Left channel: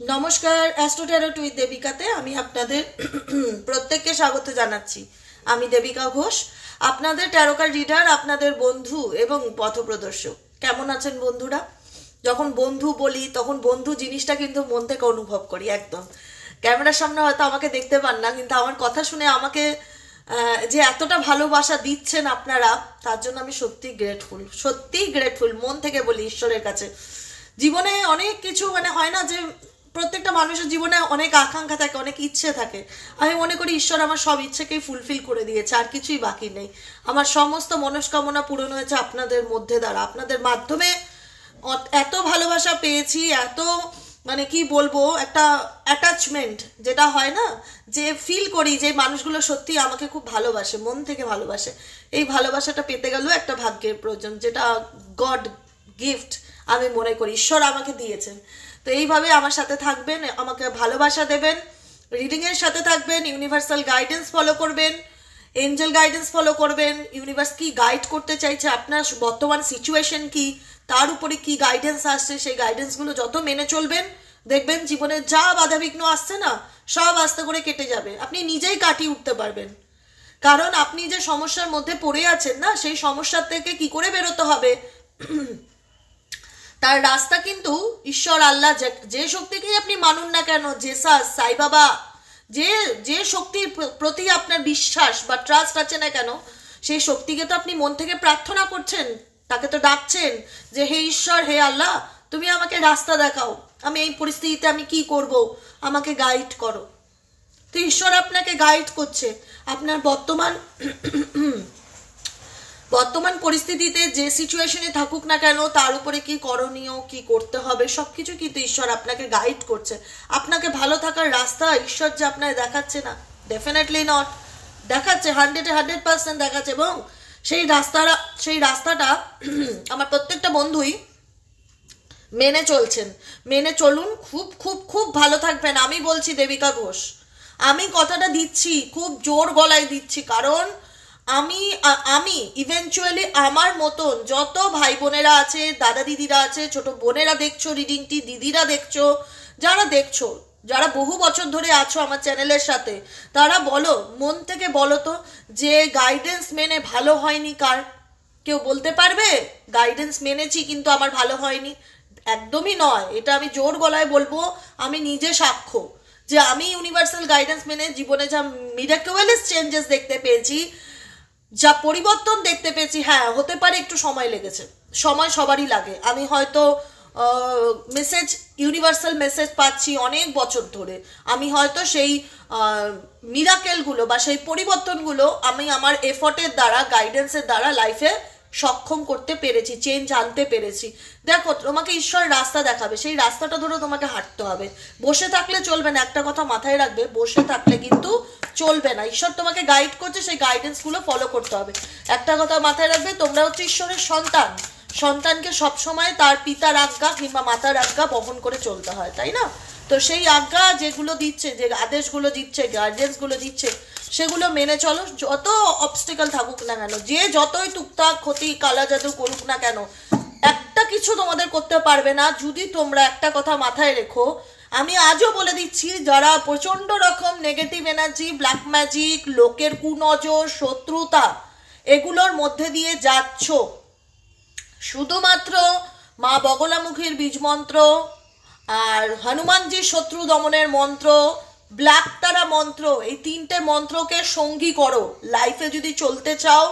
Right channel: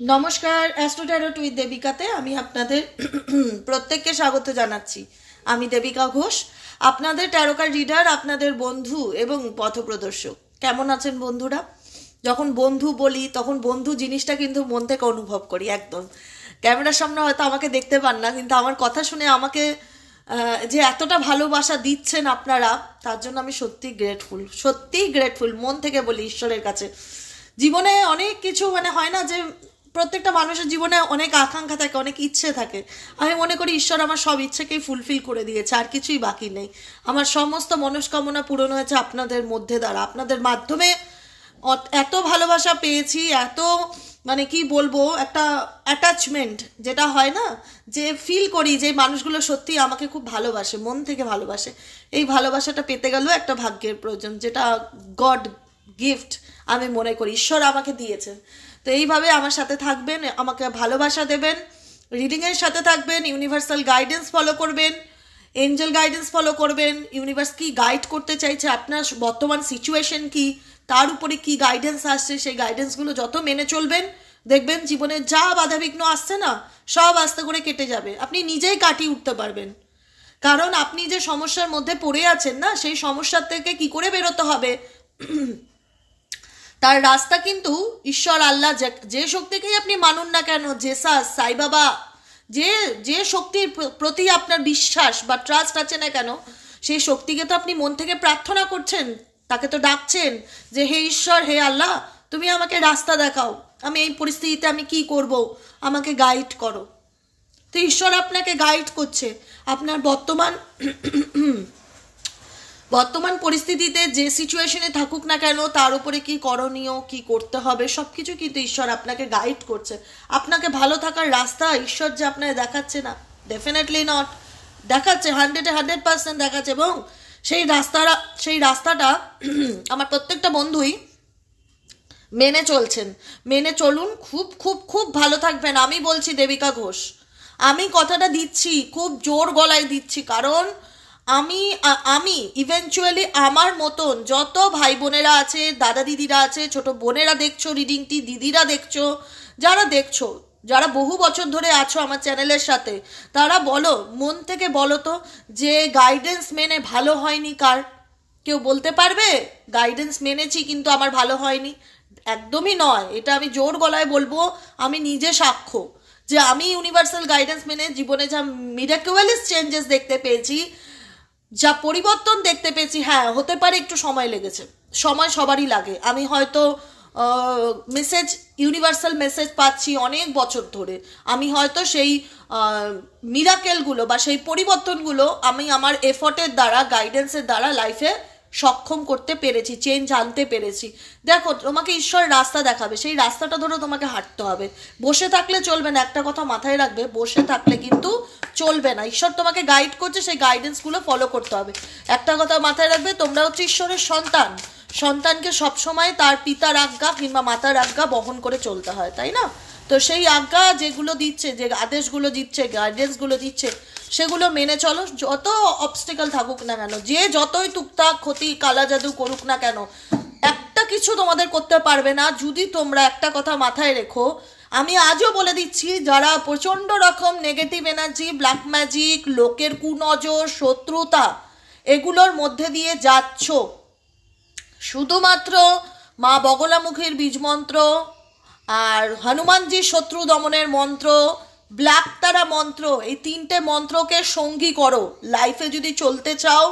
নমস্কার, astro tarot with দেবিকাতে আমি আপনাদের প্রত্যেককে স্বাগত জানাচ্ছি। আমি দেবিকা ঘোষ, আপনাদের ট্যারোকার রিডার, আপনাদের বন্ধু এবং পথপ্রদর্শক। কেমন আছেন বন্ধুরা? যখন বন্ধু বলি তখন বন্ধু জিনিসটা কিন্তু মন থেকে অনুভব করি একদম। ক্যামেরার সামনে হয়তো আমাকে দেখতে পান না, কিন্তু আমার কথা শুনে আমাকে যে এতটা ভালোবাসা দিচ্ছেন আপনারা, তার জন্য আমি সত্যিই গ্রেটফুল মন থেকে বলি ঈশ্বরের কাছে। জীবনে অনেক কিছু হয় না যে প্রত্যেকটা মানুষের জীবনে অনেক আকাঙ্ক্ষা থাকে, অনেক ইচ্ছে থাকে। আমি মনে করি ঈশ্বর আমার সব ইচ্ছেকেই ফুলফিল করে দিয়েছে, আর কিছুই বাকি নেই। আমার সমস্ত মনস্কামনা পূরণ হয়েছে আপনাদের মধ্যে দ্বারা, আপনাদের মাধ্যমে। এত ভালোবাসা পেয়েছি, এত কি বলবো, একটা অ্যাটাচমেন্ট যেটা হয় না, যে ফিল করি যে মানুষগুলো সত্যি আমাকে খুব ভালোবাসে, মন থেকে ভালোবাসে। এই ভালোবাসাটা পেতে গেলেও একটা ভাগ্যের প্রয়োজন, যেটা গড গিফট আমি মনে করি ঈশ্বর আমাকে দিয়েছেন। তো এইভাবে আমার সাথে থাকবেন, আমাকে ভালোবাসা দেবেন, রিডিংয়ের সাথে থাকবেন, ইউনিভার্সাল গাইডেন্স ফলো করবেন, এঞ্জেল গাইডেন্স ফলো করবেন। ইউনিভার্স কি গাইড করতে চাইছে, আপনার বর্তমান সিচুয়েশন কি, তার উপরে কি গাইডেন্স আসছে, সেই গাইডেন্সগুলো যত মেনে চলবেন, দেখবেন জীবনে যা বাধাবিঘ্ন আসছে না, সব আস্তে করে কেটে যাবে। আপনি নিজেই কাটিয়ে উঠতে পারবেন। কারণ আপনি যে সমস্যার মধ্যে পড়ে আছেন না, সেই সমস্যার থেকে কি করে বেরোতে হবে তার রাস্তা কিন্তু ঈশ্বর, আল্লাহ, যে শক্তিকেই আপনি মানুন না কেন, জেসাস, সাই বাবা, যে যে শক্তির প্রতি আপনার বিশ্বাস বা ট্রাস্ট আছে না কেন, সেই শক্তিকে তো আপনি মন থেকে প্রার্থনা করছেন, তাকে তো ডাকছেন যে হে ঈশ্বর, হে আল্লাহ, তুমি আমাকে রাস্তা দেখাও, আমি এই পরিস্থিতিতে আমি কি করব, আমাকে গাইড করো। তো ঈশ্বর আপনাকে গাইড করছে। আপনার বর্তমান পরিস্থিতিতে যে সিচুয়েশনে থাকুক না কেন, তার উপরে কি করণীয়, কি করতে হবে, সবকিছু কিন্তু ঈশ্বর আপনাকে গাইড করছে। আপনাকে ভালো থাকার রাস্তা ঈশ্বর যে আপনাকে দেখাচ্ছে না, ডেফিনেটলি নট, দেখাচ্ছে, 100% দেখাচ্ছে। এবং সেই রাস্তাটা আমার প্রত্যেকটা বন্ধুই মেনে চলছেন। মেনে চলুন, খুব খুব খুব ভালো থাকবেন। আমি বলছি দেবিকা ঘোষ, আমি কথাটা দিচ্ছি, খুব জোর গলায় দিচ্ছি, কারণ আমি ইভেনচুয়ালি আমার মতন যত ভাই বোনেরা আছে, দাদা দিদিরা আছে, ছোট বোনেরা দেখছো রিডিংটি, দিদিরা দেখছো, যারা বহু বছর ধরে আছো আমার চ্যানেলের সাথে, তারা বলো, মন থেকে বলো তো, যে গাইডেন্স মেনে ভালো হয়নি কার? কেউ বলতে পারবে গাইডেন্স মেনেছি কিন্তু আমার ভালো হয়নি? একদমই নয়, এটা আমি জোর গলায় বলবো। আমি নিজে সাক্ষ্য যে আমি ইউনিভার্সাল গাইডেন্স মেনে জীবনে যা মিরাকুলাস চেঞ্জেস দেখতে পেয়েছি, যা পরিবর্তন দেখতে পেয়েছি, হ্যাঁ হতে পারে একটু সময় লেগেছে, সময় সবারই লাগে। আমি হয়তো ইউনিভার্সাল মেসেজ পাচ্ছি অনেক বছর ধরে, আমি হয়তো সেই মিরাকেলগুলো বা সেই পরিবর্তনগুলো আমি আমার এফর্টের দ্বারা, গাইডেন্সের দ্বারা লাইফে সক্ষম করতে পেরেছি, চেঞ্জ আনতে পেরেছি। দেখো, তোমাকে ঈশ্বর রাস্তা দেখাবে, সেই রাস্তাটা ধরে তোমাকে হাঁটতে হবে। বসে থাকলে চলবে না, একটা কথা মাথায় রাখবে, বসে থাকলে কিন্তু চলবে না। ঈশ্বর তোমাকে গাইড করছে, সেই গাইডেন্সগুলো ফলো করতে হবে। একটা কথা মাথায় রাখবে, তোমরা হচ্ছে ঈশ্বরের সন্তান। সন্তানকে সবসময় তার পিতার আজ্ঞা কিংবা মাতার আজ্ঞা বহন করে চলতে হয়, তাই না? তো সেই আজ্ঞা যেগুলো দিচ্ছে, যে আদেশগুলো দিচ্ছে, গাইডেন্সগুলো দিচ্ছে, সেগুলো মেনে চলো। যত অবস্টেকল থাকুক না কেন, যে যতই টুকটাক ক্ষতি, কালা জাদু করুক না কেন, একটা কিছু তোমাদের করতে পারবে না, যদি তোমরা একটা কথা মাথায় রেখো। আমি আজও বলে দিচ্ছি, যারা প্রচন্ড রকম নেগেটিভ এনার্জি, ব্ল্যাক ম্যাজিক, লোকের কুনজর, শত্রুতা, এগুলোর মধ্যে দিয়ে যাচ্ছ, শুধুমাত্র মা বগলামুখীর বীজ মন্ত্র আর হনুমানজির শত্রু দমনের মন্ত্র, ব্ল্যাক তারা মন্ত্র, এই তিনটে মন্ত্রকে সঙ্গী করো লাইফে যদি চলতে চাও।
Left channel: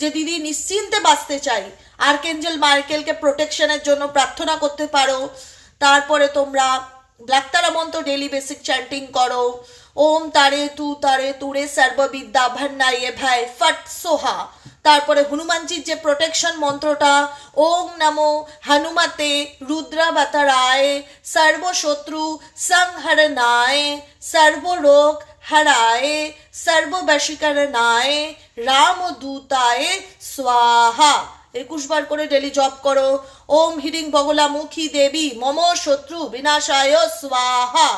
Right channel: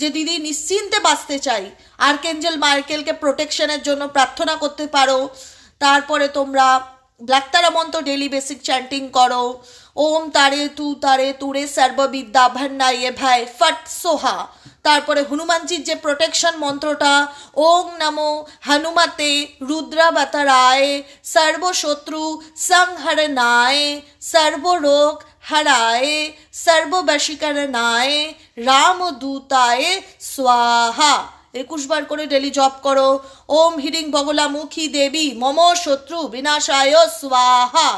যে দিদি নিশ্চিন্তে বাঁচতে চাই, আর্কেঞ্জেল মাইকেলকে প্রোটেকশনের জন্য প্রার্থনা করতে পারো। তারপরে তোমরা ব্ল্যাক তারা মন্ত্র ডেইলি বেসিক চ্যান্টিং করো। ওম তারে তুরে সর্ববিদ্যা ভন্নাইয়ে ভাই ফট সোহা। তারপরে হনুমানজির যে প্রোটেকশন মন্ত্রটা, ওং নমো হনুমতে রুদ্রাবতারায় সর্বশত্রু সংহরণায় সর্বরোগ হরায় সর্ববশীকরণায় রামদূতায় স্বাহা। 21 বার করে ডেলি জপ করো। ওম হিরিং বগলামুখী দেবী মম শত্রু বিনাশায় স্বাহা।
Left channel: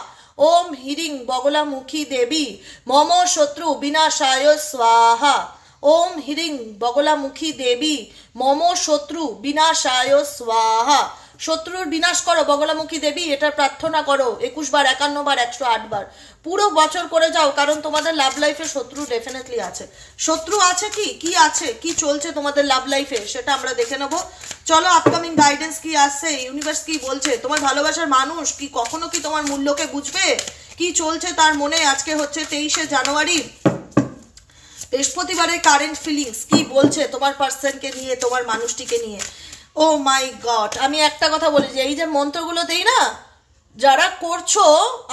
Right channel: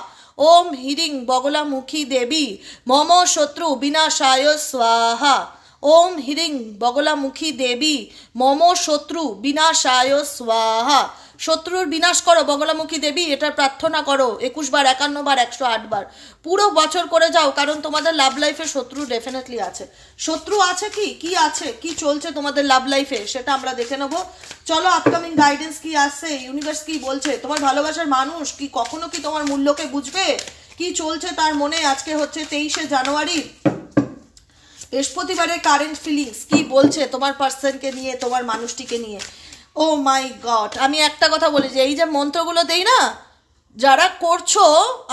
ওম হিরিং বগলামুখী দেবী মম শত্রু বিনাশায় স্বাহা। ওম হিরিং বগলামুখী দেবী মম শত্রু বিনাশায় স্বাহা। শত্রুর বিনাশ করো বগলামুখী দেবী, এটার প্রার্থনা করো 21 বার, 51 বার, 108 বার, পুরো বছর করে যাও। কারণ তোমাদের লাভ লাইফে শত্রু ডেফিনেটলি আছে। শত্রু আছে কি আছে, কি চলছে তোমাদের লাভ লাইফে সেটা আমরা দেখে নেবো। চলো আপকামিং গাইডেন্স কি আসছে, ইউনিভার্স কি বলছে, তোমার ভালোবাসার মানুষ কি কখনো কি তোমার মূল্যকে বুঝবে, কি চলছে তার মনে। আজকে হচ্ছে 23শে জানুয়ারি, বৃহস্পতিবারের কারেন্ট ফিলিংস কি বলছে তোমার পার্সনকে নিয়ে, তোমার মানুষটিকে নিয়ে। ও মাই গড, আমি একটা কথা বলি যে এই যে মন্ত্রগুলো দেই না, যারা করছো,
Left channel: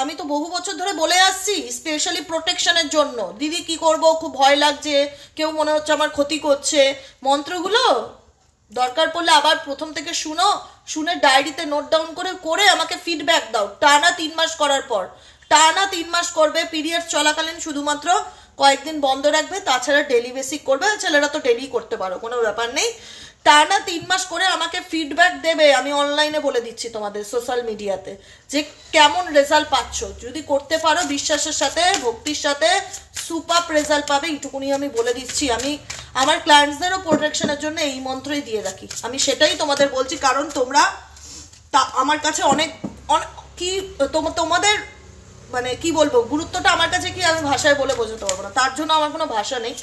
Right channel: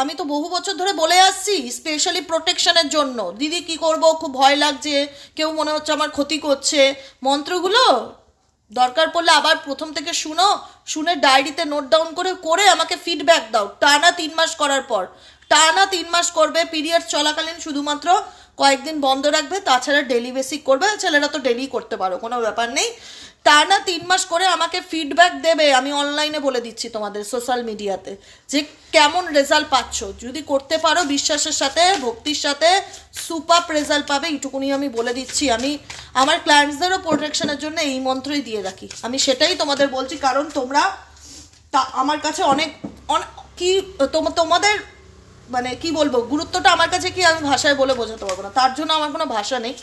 আমি তো বহু বছর ধরে বলে আসছি স্পেশালি প্রোটেকশনের জন্য, দিদি কি করব, খুব ভয় লাগছে, কেউ মনে হচ্ছে আমার ক্ষতি করছে, মন্ত্রগুলো দরকার পড়লে আবার প্রথম থেকে শুনে ডায়েরিতে নোট ডাউন করে আমাকে ফিডব্যাক দাও। টানা 3 মাস করার পর, টানা 3 মাস করবে, পিরিয়ড চলাকালীন শুধুমাত্র কয়েকদিন বন্ধ রাখবে, তাছাড়া ডেলি বেসিক করবে। ছেলেরা তো ডেলি করতে পারো, কোনো ব্যাপার নেই। টানা 3 মাস করে আমাকে ফিডব্যাক দেবে, আমি অনলাইনে বলে দিচ্ছি তোমাদের সোশ্যাল মিডিয়াতে যে কেমন রেজাল্ট পাচ্ছ। যদি করতে পারো বিশ্বাসের সাথে, ভক্তির সাথে, সুপার রেজাল্ট পাবে, এইটুকুনি আমি বলে দিচ্ছি। আমি আমার ক্লায়েন্টসদেরও প্রোটেকশনের জন্য এই মন্ত্রই দিয়ে রাখি, আমি সেটাই তোমাদের বলছি। কারণ তোমরা আমার কাছে অনেক কি তোমাদের মানে কি বলবো, গুরুত্বটা আমার কাছে কি আমি ভাষায় বলে বোঝাতে পারবো না, তার জন্য আমার কোনো ভাষা নেই।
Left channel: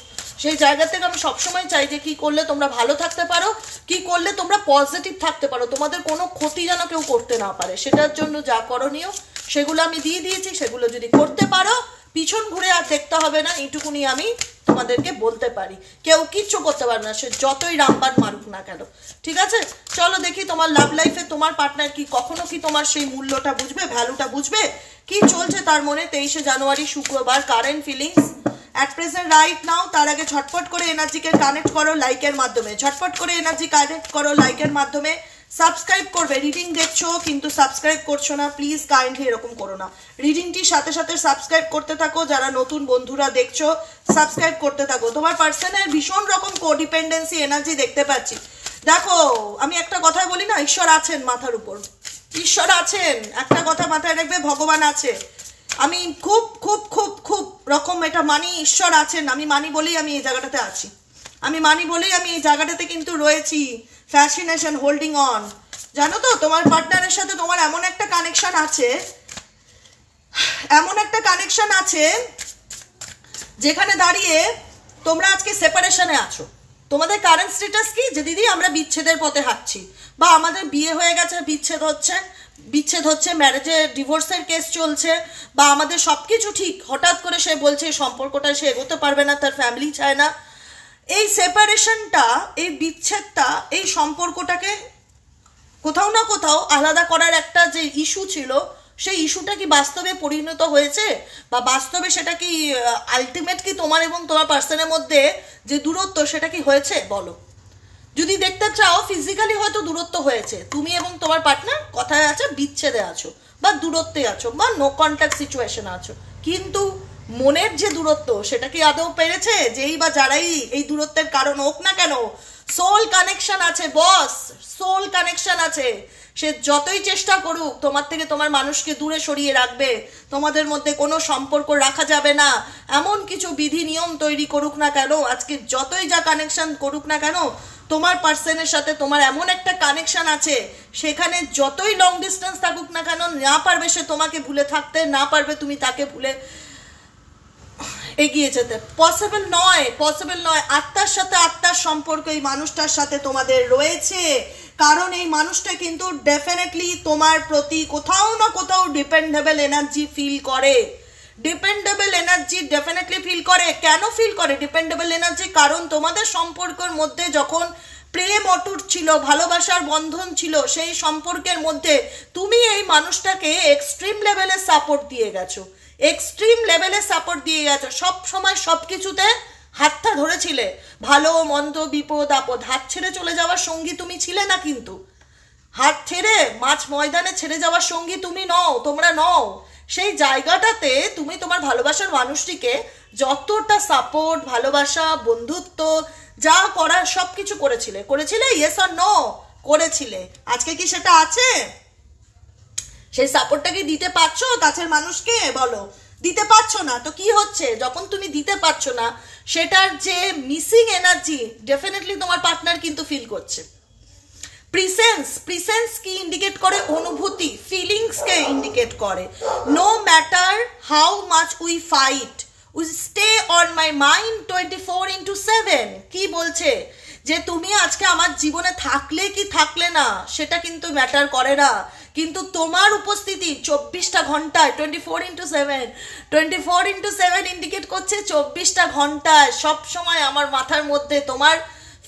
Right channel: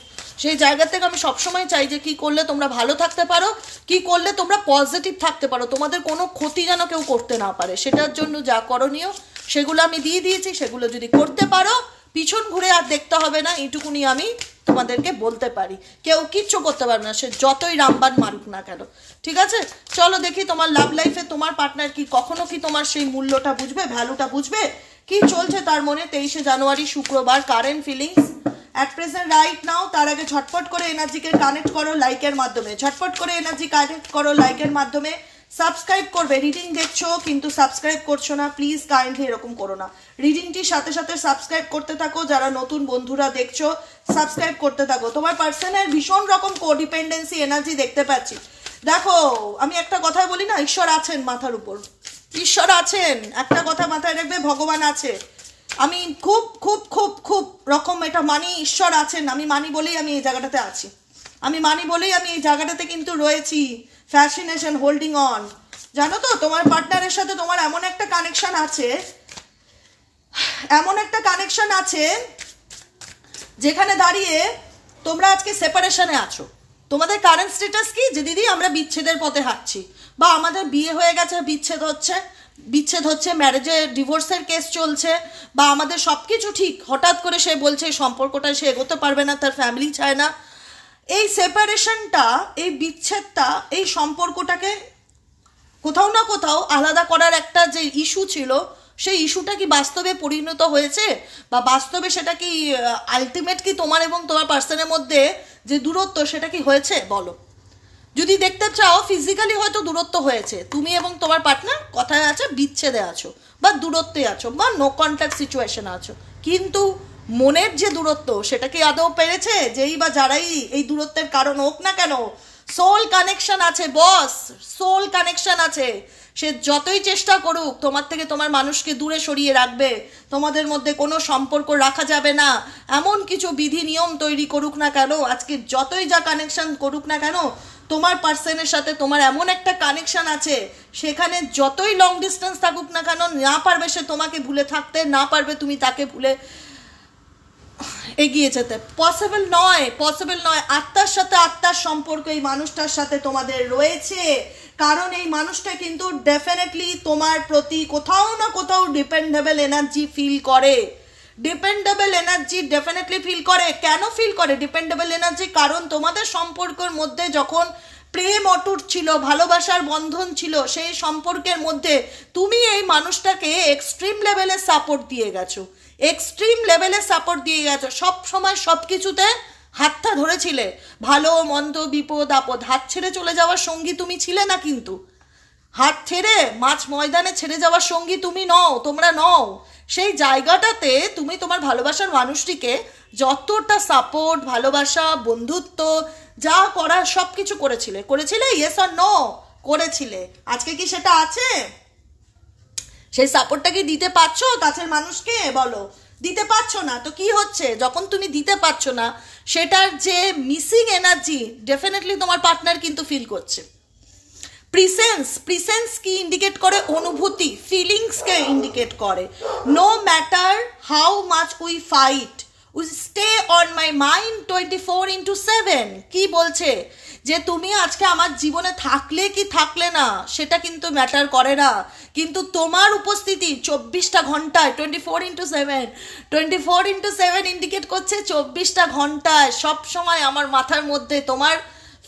সেই জায়গা থেকে আমি সবসময় চাই যে কি করলে তোমরা ভালো থাকতে পারো, কি করলে তোমরা পজিটিভ থাকতে পারো, তোমাদের কোনো ক্ষতি যেন কেউ করতে না পারে। সেটার জন্য যা করণীয় সেগুলো আমি দিয়ে দিয়েছি, সেগুলো যদি করতে পারো পিছন ঘুরে আর দেখতে হবে না, এইটুকুনি আমি তোমাদেরকে বলতে পারি। কেউ কিচ্ছু করতে পারবে না, সে যতই রামবান মারুক না কেন। ঠিক আছে, চলো দেখি তোমার লাভ লাইফে তোমার পার্টনার কি কখনো কি তোমার সেই মূল্যটা বুঝবে, ভ্যালুটা বুঝবে, কি চলছে তার মনে। 23শে জানুয়ারি শুক্রবার, current feelings at present right now. তার আগে ঝটপট করে এনার্জিকে কানেক্ট করো লাইকের মাধ্যমে, ঝটপট করে এনার্জি কানেক্ট করো লাইকের মাধ্যমে। সাবস্ক্রাইব করবে, রিডিং দেখছো কিন্তু সাবস্ক্রাইব করছো না, প্লিজ কাইন্ডলি এরকম করো না। রিডিংটির সাথে সাথে সাবস্ক্রাইব করতে থাকো, যারা নতুন বন্ধুরা দেখছো সাবস্ক্রাইব করতে থাকো। তোমার পার্সনের ভীষণ রকম কোডিপেন্ডেন্সি এনার্জি দেখতে পাচ্ছি। দেখো আমি একটা কথাই বলি না, ঈশ্বর আছেন মাথার উপর, ঈশ্বর আছেন, একটা কথা মাথায় রাখবে, ভগবান আছে। আমি খুব খুব খুব খুব রকম এটা মানি, ঈশ্বর আছেন আমি মানি বলেই আমি এই জায়গাটাতে আছি, আমি মানি বলেই আমি এই জায়গাটাতে কিন্তু রয়েছি। ফ্যাসিনেশন, হোল্ডিং অন, জানো তো তোমার পার্টনারের সাথে তোমার এমন একটা কানেকশন আছে, এমন একটা কানেকশন আছে যেখানে দাঁড়িয়ে তোমরা আজকে সেপারেশনে আছো। তোমাদের কারেন্ট স্ট্যাটাস কি, যে দিদি আমরা বিচ্ছেদের পথে হাঁটছি, বা আমাদের বিয়ে হয়ে গেছে বিচ্ছেদ হচ্ছে, ম্যারেজে ডিভোর্সের কেস চলছে, বা আমাদের সবকিছু ঠিক, হঠাৎ করে সে বলছে এই সম্পর্কটা সে এগোতে পারবে না, তার ফ্যামিলি চায় না। এই সেপারেশনটা, এই বিচ্ছেদটা, এই সম্পর্কটাকে কোথাও না কোথাও আলাদা করার একটা যে ইস্যু ছিল, সেই ইস্যুটা কি বাস্তবে পরিণত হয়েছে, বা বাস্তবে সেটা কি আলটিমেট কি তোমার এবং তোমার পার্সনের মধ্যে যে দূরত্ব সেটা কি হয়েছে বলো। যদি দেখতে চাও ফিজিক্যালি হয়তো দূরত্ব হয়েছে, তুমি এবং তোমার পার্টনার কথায় আছে বিচ্ছেদে আছো, বা দূরত্বে আছো, বা নো কন্ট্যাক্ট সিচুয়েশন আছো, কিন্তু মনের যে দূরত্ব সেটা কি আদৌ পেরেছে, যেই বা যারাই এই দূরত্বের কারণ হোক না কেন, সোল কানেকশন আছে বস, সোল কানেকশন আছে। সে যতই চেষ্টা করুক তোমার থেকে তোমার মানুষকে দূরে সরিয়ে রাখবে, তোমাদের মধ্যে কোনো সম্পর্ক রাখা যাবে না, এমন কিছু বিধি নিয়ম তৈরি করুক না কেন, আজকে যতই যা কানেকশন করুক না কেন, তোমার পার্সনের সাথে তোমার এমন একটা কানেকশন আছে, সেখানে যতই লং ডিস্টেন্স থাকুক না কেন, না পারবে সে তোমাকে ভুলে থাকতে, না পারবে তুমি তাকে ভুলে এগিয়ে যেতে, পসিবল নয়। আত্মার সাথে আত্মার সম্পর্ক এই মানুষটার সাথে তোমাদের রয়েছে, কারণ এই মানুষটা কিন্তু ডেফিনেটলি তোমার প্রতি কোথাও না কোথাও ডিপেন্ডেবল এনার্জি ফিল করে, ডিপেন্ডেবল এনার্জি ডেফিনেটলি ফিল করে। কেন ফিল করে ডিপেন্ডেবল এনার্জি? কারণ তোমাদের সম্পর্কের মধ্যে যখন প্রেম অটুট ছিল, ভালোবাসার বন্ধন ছিল, সেই সম্পর্কের মধ্যে তুমি এই মানুষটাকে এক্সট্রিম লেভেলে সাপোর্ট দিয়ে গেছো, সব সময় সব কিছুতে হাতটা ধরেছিলে, ভালো মন্দ বিপদ আপদ, হাত ছেড়ে চলে যাওয়ার সঙ্গী তুমি ছিলে না, কিন্তু হাত ছেড়ে মাছ ময়দানে ছেড়ে যাওয়ার সঙ্গী তুমি নও, তোমরা নও। সেই জায়গাটাতে তুমি তোমার ভালোবাসার মানুষটিকে যতটা সাপোর্ট, ভালোবাসা, বন্ধুত্ব যা করার সব কিছু করেছিলে, ইয়েস অর নো করেছিলে। আজকে কি সেটা আছে? সেই সাপোর্টটা কি দিতে পারছো কাছের মানুষকে? বলো, দিতে পারছো না তো কি হচ্ছে? যখন তুমি দিতে পারছো না, সেটার যে মিসিং এনার্জি ডেফিনেটলি তোমার পার্টনার কিন্তু ফিল করছে। প্রিসেন্স কি ইন্ডিকেট করে? অনুভূতি, ফিলিংসকে ইন্ডিকেট করে। No matter how much we fight, we stay on my mind 24/7। কি বলছে? যে তুমি আজকে আমার জীবনে থাকলে কি থাকলে না সেটা কিন্তু ম্যাটার করে না, কিন্তু তোমার উপস্থিতি 24টা ঘন্টায় 24/7 ইন্ডিকেট করছে 24টা ঘন্টায় সব সময় আমার মাথার মধ্যে তোমার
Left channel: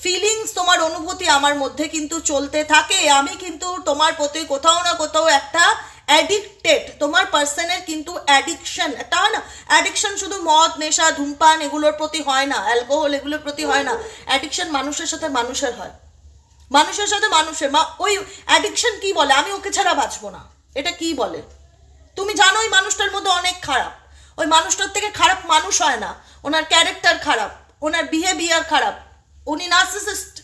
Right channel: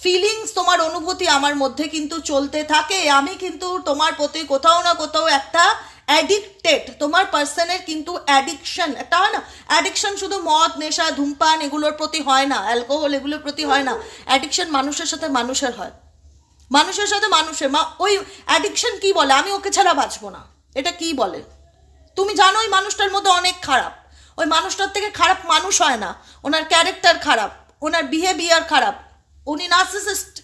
ফিলিংস, তোমার অনুভূতি আমার মধ্যে কিন্তু চলতে থাকে। আমি কিন্তু তোমার প্রতি কোথাও না কোথাও একটা অ্যাডিক্টেড। তোমার পার্সনের কিন্তু অ্যাডিকশন একটা হয় না, অ্যাডিকশন শুধু মদ, নেশা, ধূমপান এগুলোর প্রতি হয় না, অ্যালকোহল এগুলোর প্রতি হয় না। অ্যাডিকশন মানুষের সাথে মানুষের হয়, মানুষের সাথে মানুষের। ওই অ্যাডিকশন কি বলে? আমি ওকে ছাড়া বাঁচবো না, এটা কি বলে? তুমি জানো ওই মানুষটার মধ্যে অনেক খারাপ, ওই মানুষটার থেকে খারাপ মানুষ হয় না। ওনার ক্যারেক্টার খারাপ, ওনার বিহেভিয়ার খারাপ, উনি নার্সিসিস্ট,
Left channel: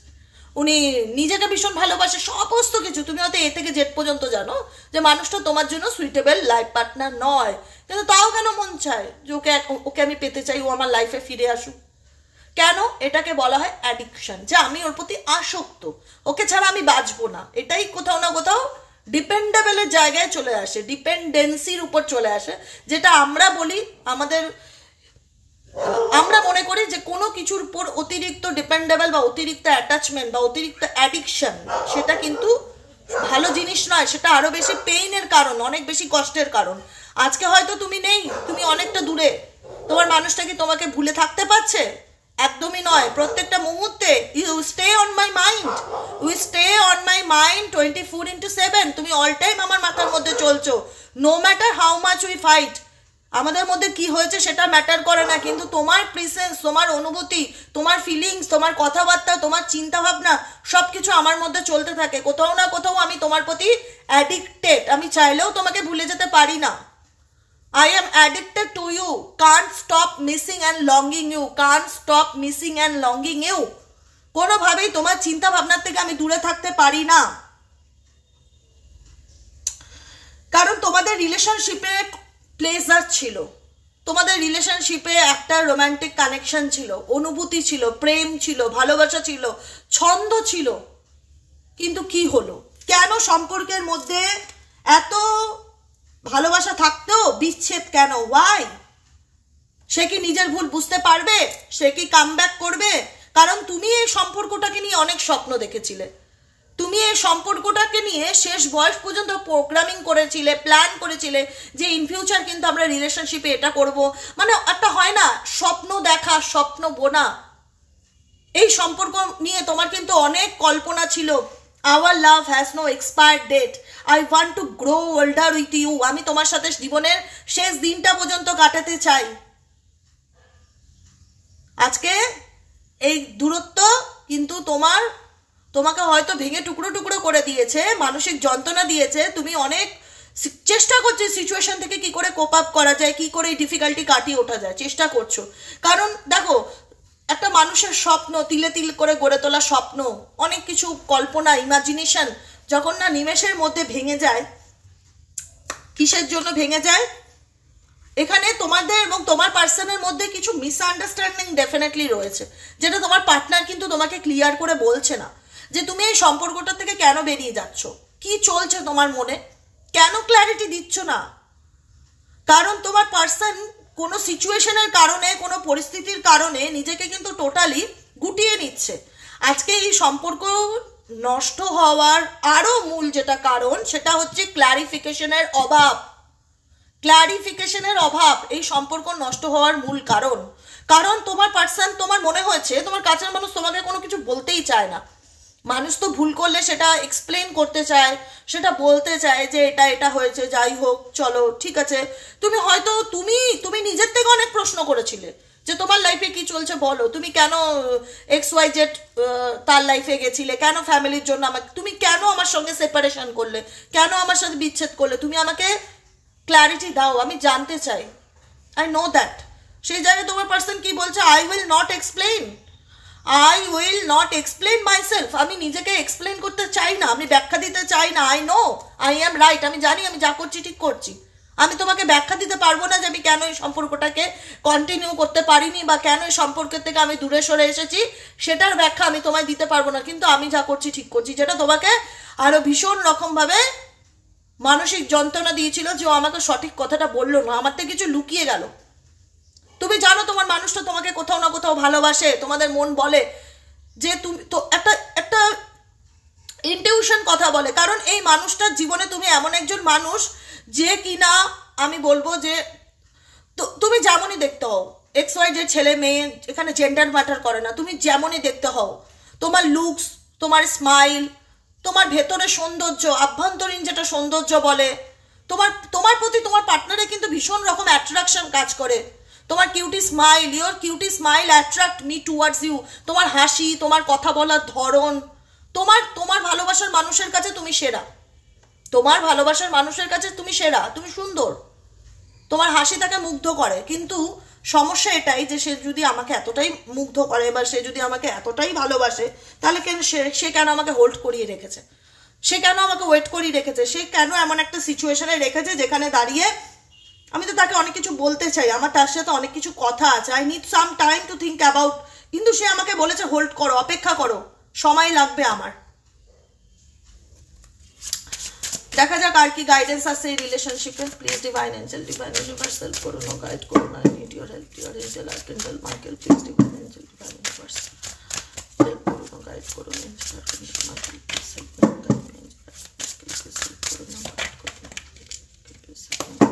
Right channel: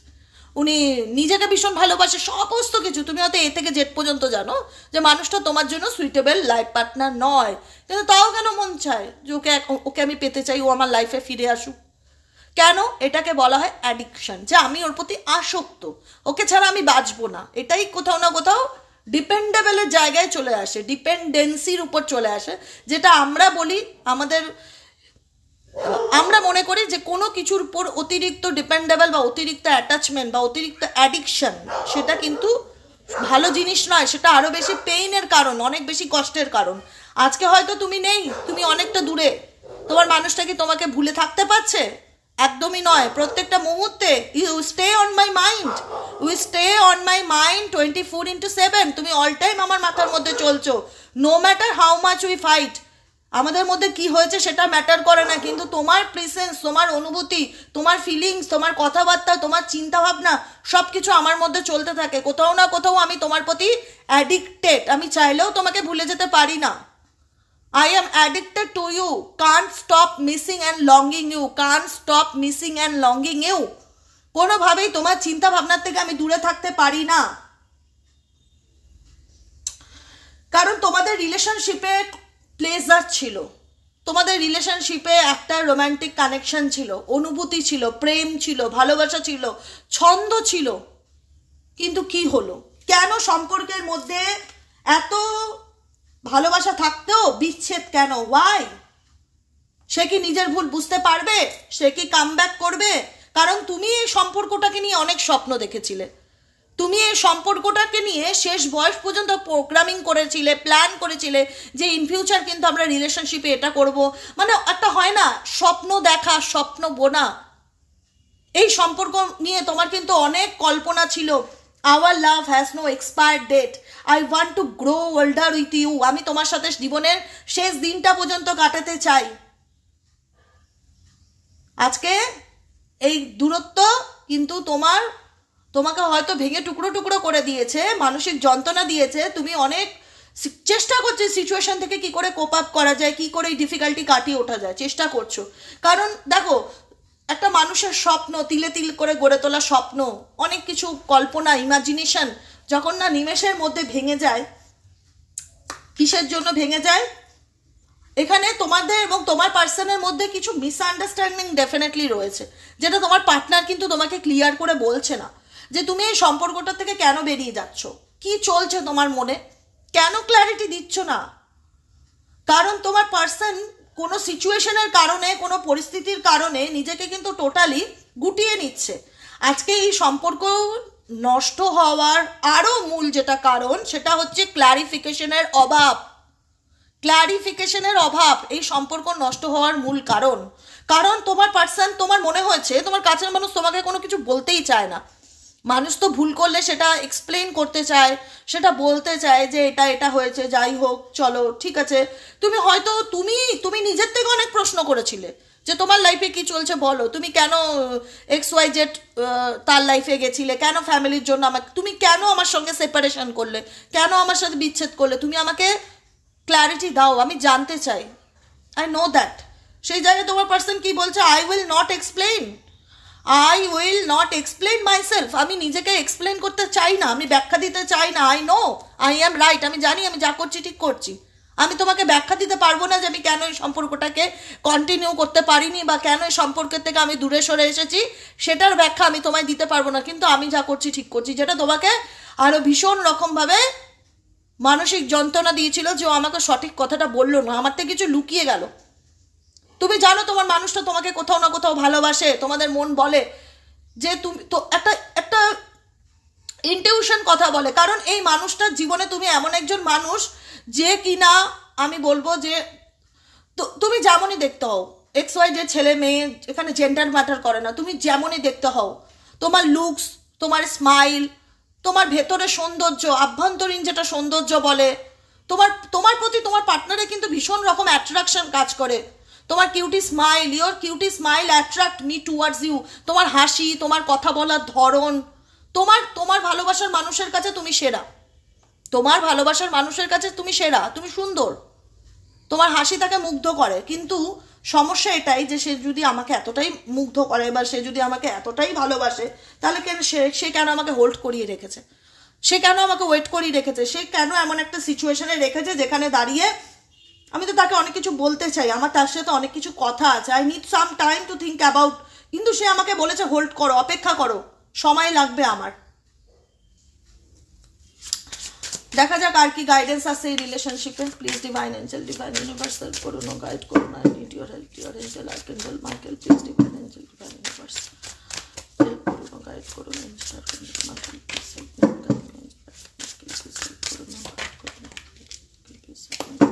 উনি নিজেকে ভীষণ ভালোবাসে, সমস্ত কিছু। তুমি হয়তো এ থেকে জেড পর্যন্ত জানো যে মানুষটা তোমার জন্য সুইটেবল লাইফ পার্টনার নয়, কিন্তু তাও কেন মন চায় যে ওকে আমি পেতে চাই, ও আমার লাইফে ফিরে আসুক? কেন? এটাকে বলা হয় অ্যাডিকশন, যে আমি ওর প্রতি আসক্ত, ওকে ছাড়া আমি বাঁচবো না। এটাই কোথাও না কোথাও ডিপেন্ডেবলের জায়গায় চলে আসে, ডিপেন্ডেন্সির উপর চলে আসে, যেটা আমরা বলি আমরা মনে করি যে কোনো কিছুর উপর অতিরিক্ত ডিপেন্ডেবল বা অতিরিক্ত অ্যাটাচমেন্ট বা অতিরিক্ত অ্যাডিকশন সেটা কিন্তু ভালো জিনিস নয়, সেটা আরো বেশি পেইনের কারণ, অনেক বেশি কষ্টের কারণ। আজকে হয়তো তুমি নেই, তুমি অনেকটা দূরে, তোমার মানুষটা কি তোমাকে ভুলে থাকতে পারছে? একদমই নয়। প্রত্যেকটা মুহূর্তে you stay on my mind, we stay on my mind 24/7। তুমি অল টাইম আমার মাথার মধ্যে চলছো। No matter how much we fight, আমাদের মধ্যে কি হয়েছে সেটা ম্যাটার করে না, কিন্তু তোমার প্রেসেন্স, তোমার অনুভূতি, তোমার ফিলিংস, তোমার কথাবার্তা, তোমার চিন্তা ভাবনা সবকিছু আমার মধ্যে চলতে থাকে। কোথাও না কোথাও আমি তোমার প্রতি অ্যাডিক্টেড, আমি চাইলেও তোমাকে ভুলে যেতে পারি না। I am addicted to you, can't stop missing and longing you, can't stop missing and longing you। কোনোভাবেই তোমার চিন্তা ভাবনার থেকে আমি দূরে থাকতে পারি না, কারণ তোমাদের রিলেশনশিপে প্লেজার ছিল, তোমাদের রিলেশনশিপে একটা রোমান্টিক কানেকশন ছিল, অনুভূতি ছিল, প্রেম ছিল, ভালোবাসা ছিল, ছন্দ ছিল। কিন্তু কি হলো? কেন সম্পর্কের মধ্যে এত ভালোবাসা থাকতেও বিচ্ছেদ কেন? ওয়াই? সে কি নিজের ভুল বুঝতে পারবে? সে কি কামব্যাক করবে? কারণ তুমি এই সম্পর্কটাকে নিয়ে অনেক স্বপ্ন দেখেছিলে, তুমি এই সম্পর্কটাকে নিয়ে শেষ বয়স পর্যন্ত প্রোগ্রামিং করেছিলে, প্ল্যান করেছিলে যে ইন ফিউচার কিন্তু আমরা রিলেশনশিপে এটা করব, মানে একটা হয় না স্বপ্ন দেখা, স্বপ্ন বোনা। এই সম্পর্ক নিয়ে তোমার কিন্তু অনেক কল্পনা ছিল। Our love has no expired date. I want to grow older with you. আমি তোমার সাথে জীবনের শেষ দিনটা পর্যন্ত কাটাতে চাই। আজকে এই দূরত্ব কিন্তু তোমাকে হয়তো ভেঙে টুকরো টুকরো করে দিয়েছে, মানসিক যন্ত্রণা দিয়েছে। তুমি অনেক চেষ্টা করছো সিচুয়েশন থেকে কি করে কোপ আপ করা যায়, কি করে এই ডিফিকাল্টি কাটিয়ে ওঠা যায়, চেষ্টা করছো। কারণ দেখো, একটা মানুষের স্বপ্ন, তিলে তিল করে গড়ে তোলা স্বপ্ন, অনেক কিছু কল্পনা, ইমাজিনেশন যখন না নিমেষের মধ্যে ভেঙে যায়। কিসের জন্য ভেঙে যায়? এখানে তোমাদের এবং তোমার পার্সনের মধ্যে কিছু মিসআন্ডারস্ট্যান্ডিং ডেফিনেটলি রয়েছে, যেটা তোমার পার্টনার কিন্তু তোমাকে ক্লিয়ার করে বলছে না, যে তুমি এই সম্পর্কটা থেকে কেন বেরিয়ে যাচ্ছ, কি চলছে তোমার মনে, কেন ক্ল্যারিটি দিচ্ছ না। কারণ তোমার পার্সন কোনো সিচুয়েশনের কারণে, কোনো পরিস্থিতির কারণে নিজেকে কিন্তু টোটালি গুটিয়ে নিচ্ছে। আজকে এই সম্পর্ক নষ্ট হওয়ার আরো মূল যেটা কারণ, সেটা হচ্ছে ক্ল্যারিফিকেশনের অভাব। ক্ল্যারিফিকেশনের অভাব এই সম্পর্ক নষ্ট হওয়ার মূল কারণ। কারণ তোমার পার্সন, তোমার মনে হয়েছে তোমার কাছের মানুষ তোমাকে কোনো কিছু বলতেই চায় না। মানুষ তো ভুল করলে সেটা এক্সপ্লেন করতে চায়, সেটা বলতে চায় যে এটা এটা হয়েছে, যাই হোক চলো ঠিক আছে। তুমি হয়তো তুমি নিজের থেকে অনেক প্রশ্ন করেছিলে যে তোমার লাইফে কি চলছে বলো, তুমি কেন XYZ তার লাইফে গেছিলে, কেন ফ্যামিলির জন্য তুমি কেন আমার সঙ্গে সেপারেশন করলে, কেন আমার সাথে বিচ্ছেদ করলে, তুমি আমাকে ক্ল্যারিটি দাও, আমি জানতে চাই। I know that. সেই জায়গায় তোমার পার্সন কি বলছে? I will not explain, I will not explain myself. আমি নিজেকে এক্সপ্লেন করতে চাই না, আমি ব্যাখ্যা দিতে চাই না। I know I am right, আমি জানি আমি যা করছি ঠিক করছি, আমি তোমাকে ব্যাখ্যা দিতে পারবো না যে আমি কেন এই সম্পর্কটাকে কন্টিনিউ করতে পারিনি বা কেন এই সম্পর্কের থেকে আমি দূরে সরে এসেছি, সেটার ব্যাখ্যা আমি তোমায় দিতে পারবো না। কিন্তু আমি যা করছি ঠিক করছি, যেটা তোমাকে আরো ভীষণ রকমভাবে মানসিক যন্ত্রণা দিয়েছিল যে ও আমাকে সঠিক কথাটা বললো না, আমার থেকে কিছু লুকিয়ে গেল। তুমি জানো তোমার মানুষটা তোমাকে কোথাও না কোথাও ভালোবাসে, তোমাদের মন বলে যে তুমি তো একটা একটা ইনটিউশন কথা বলে, কারণ এই মানুষটার জীবনে তুমি এমন একজন মানুষ যে কিনা আমি বলবো যে তুমি যেমনই দেখতে হও, এক্স ওয়াই যে ছেলে মেয়ে এখানে জেন্ডার ম্যাটার করে না, তুমি যেমনই দেখতে হও, তোমার লুকস, তোমার স্মাইল, তোমার ভেতরে সৌন্দর্য, আভ্যন্তরীণ যেটা সৌন্দর্য বলে, তোমার প্রতি তোমার পার্টনারে কিন্তু ভীষণ রকম অ্যাট্রাকশন কাজ করে। তোমার cutie smile, your cutie smile attract me towards you. তোমার হাসি, তোমার কথা বলার ধরন, তোমার ভালোবাসার মানুষের কাছে তুমি সেরা, তোমার ভালোবাসার মানুষের কাছে তুমি সেরা, তুমি সুন্দর, তোমার হাসি তাকে মুগ্ধ করে। কিন্তু সমস্যা এটাই যে সে যদি আমাকে এতটাই মুগ্ধ করে বা সে যদি আমাকে এতটাই ভালোবাসে, তাহলে কেন সে কেন আমাকে হোল্ড করিয়ে রেখেছে, সে কেন আমাকে ওয়েট করিয়ে রেখেছে, সে কেন এমন একটা সিচুয়েশনে রেখেছে যেখানে দাঁড়িয়ে আমি তো তাকে অনেক কিছু বলতে চাই, আমার তার সাথে অনেক কিছু কথা আছে, I need some time to think about, কিন্তু সে আমাকে বলেছে হোল্ড করো, অপেক্ষা করো, সময় লাগবে আমার। দেখা যাক আর কি গাইডেন্স আছে এই রিলেশনশিপে। Please divine angel, divine universe help করুন, গাইড করুন, I need your help, your angel archangel Michael, please divine angel, divine universe help করুন, গাইড করুন, angel archangel Michael, please help me, guide me, angel archangel please help করুন, guide করুন, please help me.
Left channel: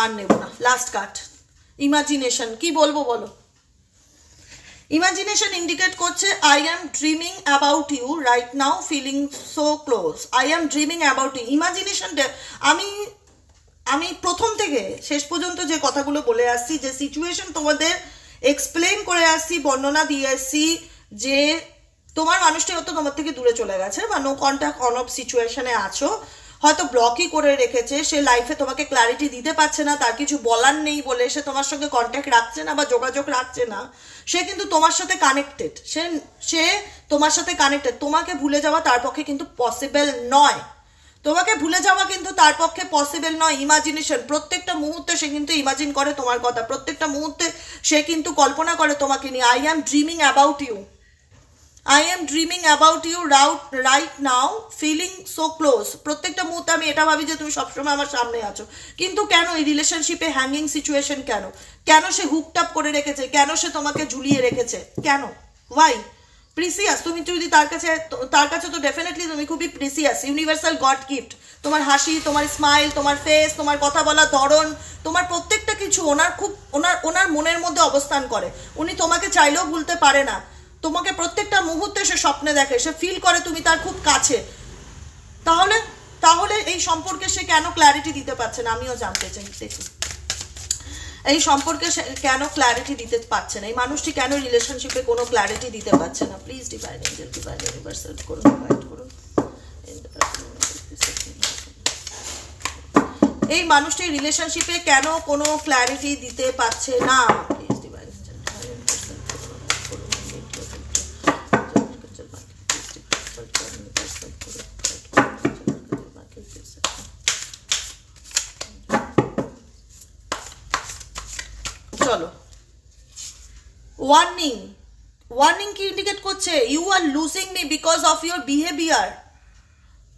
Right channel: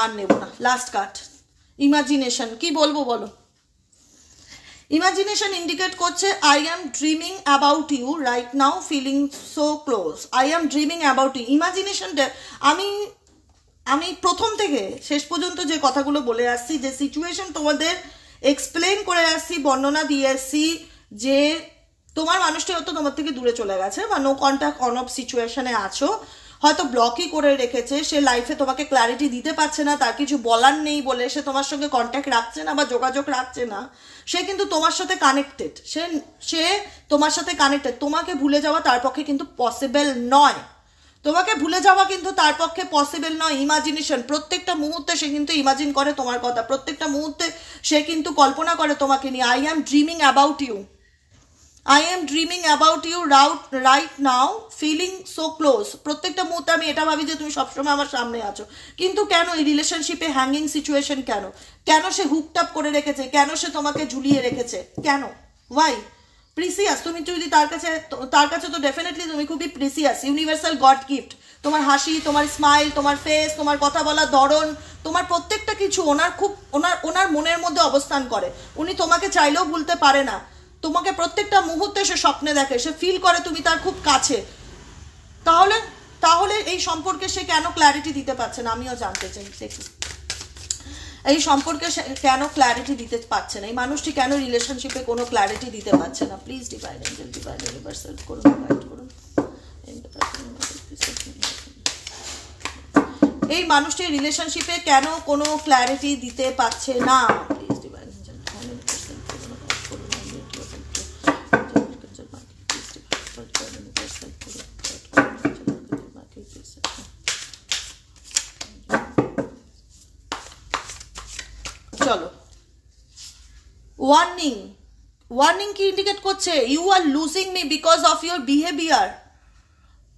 আর নেব না, last card imagination. কি বলবো বলো? ইমাজিনেশন ইন্ডিকেট করছে I am dreaming about you right now, feeling so close, I am dreaming about you. Imagination আমি প্রথম থেকে শেষ পর্যন্ত যে কথাগুলো বলে আসছি, যে সিচুয়েশন তোমাদের এক্সপ্লেন করে আসছি, বর্ণনা দিয়ে আসছি, যে তোমার মানুষটি হয়তো তোমার থেকে দূরে চলে গেছে বা নো কন্ট্যাক্ট অন অফ সিচুয়েশনে আছো, হয়তো ব্লকই করে রেখেছে, সে লাইফে তোমাকে ক্ল্যারিটি দিতে পারছে না, তার কিছু বলার নেই বলে সে তোমার সঙ্গে কন্ট্যাক্ট রাখছে না বা যোগাযোগ রাখছে না। সে কিন্তু তোমার সাথে কানেক্টেড, সে তোমার সাথে কানেক্টেড। তোমাকে ভুলে যাওয়া তার পক্ষে কিন্তু পসিবল নয়, তোমাকে ভুলে যাওয়া কিন্তু তার পক্ষে পসিবল নয়। ইমাজিনেশন, প্রত্যেকটা মুহূর্তে সে কিন্তু ইমাজিন করে তোমার কথা, প্রত্যেকটা মুহূর্তে সে কিন্তু কল্পনা করে তোমাকে নিয়ে। I am dreaming about you, I am dreaming about you right now, feeling so close. প্রত্যেকটা মুহূর্তে আমি এটা ভাবি যে তুমি সবসময় আমার সামনে আছো। কিন্তু কেন এই রিলেশনশিপে হ্যাঙ্গিং সিচুয়েশন? কেন সে হুকটাপ করে রেখেছে? কেন সে তোমাকে ঝুলিয়ে রেখেছে? কেন? ওয়াই? প্রিসিয়াস, তুমি যদি তার কাছে তো ডেফিনেটলি তুমি খুবই প্রিসিয়াস, ইউনিভার্সাল গড গিফট। তোমার হাসি, তোমার স্মাইল, তোমার ফেস, তোমার কথা বলার ধরন, তোমার প্রত্যেকটা কিছু ওনার মনের মধ্যে অবস্থান করে। উনি তোমাকে চাইলেও ভুলতে পারে না, তোমাকে প্রত্যেকটা মুহূর্তে সে স্বপ্নে দেখে, সে ফিল করে তুমি তার খুব কাছে। তাহলে এই সম্পর্কে সে কেন ক্ল্যারিটি দিতে পারছে না? আমিও জানতে চাই। দেখুন, এই সম্পর্কে কেন ক্ল্যারিটি দিতে পারছে না, এই মানুষটি কেন রিলেশনশিপে কোনো ক্ল্যারিটি দিতে পারছে না? Please divine angel, divine universe help করুন, গাইড করুন। এই মানুষটি রিলেশনশিপে কেন কোনো ক্ল্যারিটি দিতে পারছে না? Please divine angel, divine universe help করুন, গাইড করুন। চলো, ওয়ার্নিং কি ইন্ডিকেট করছে? You are losing me because of your behaviour.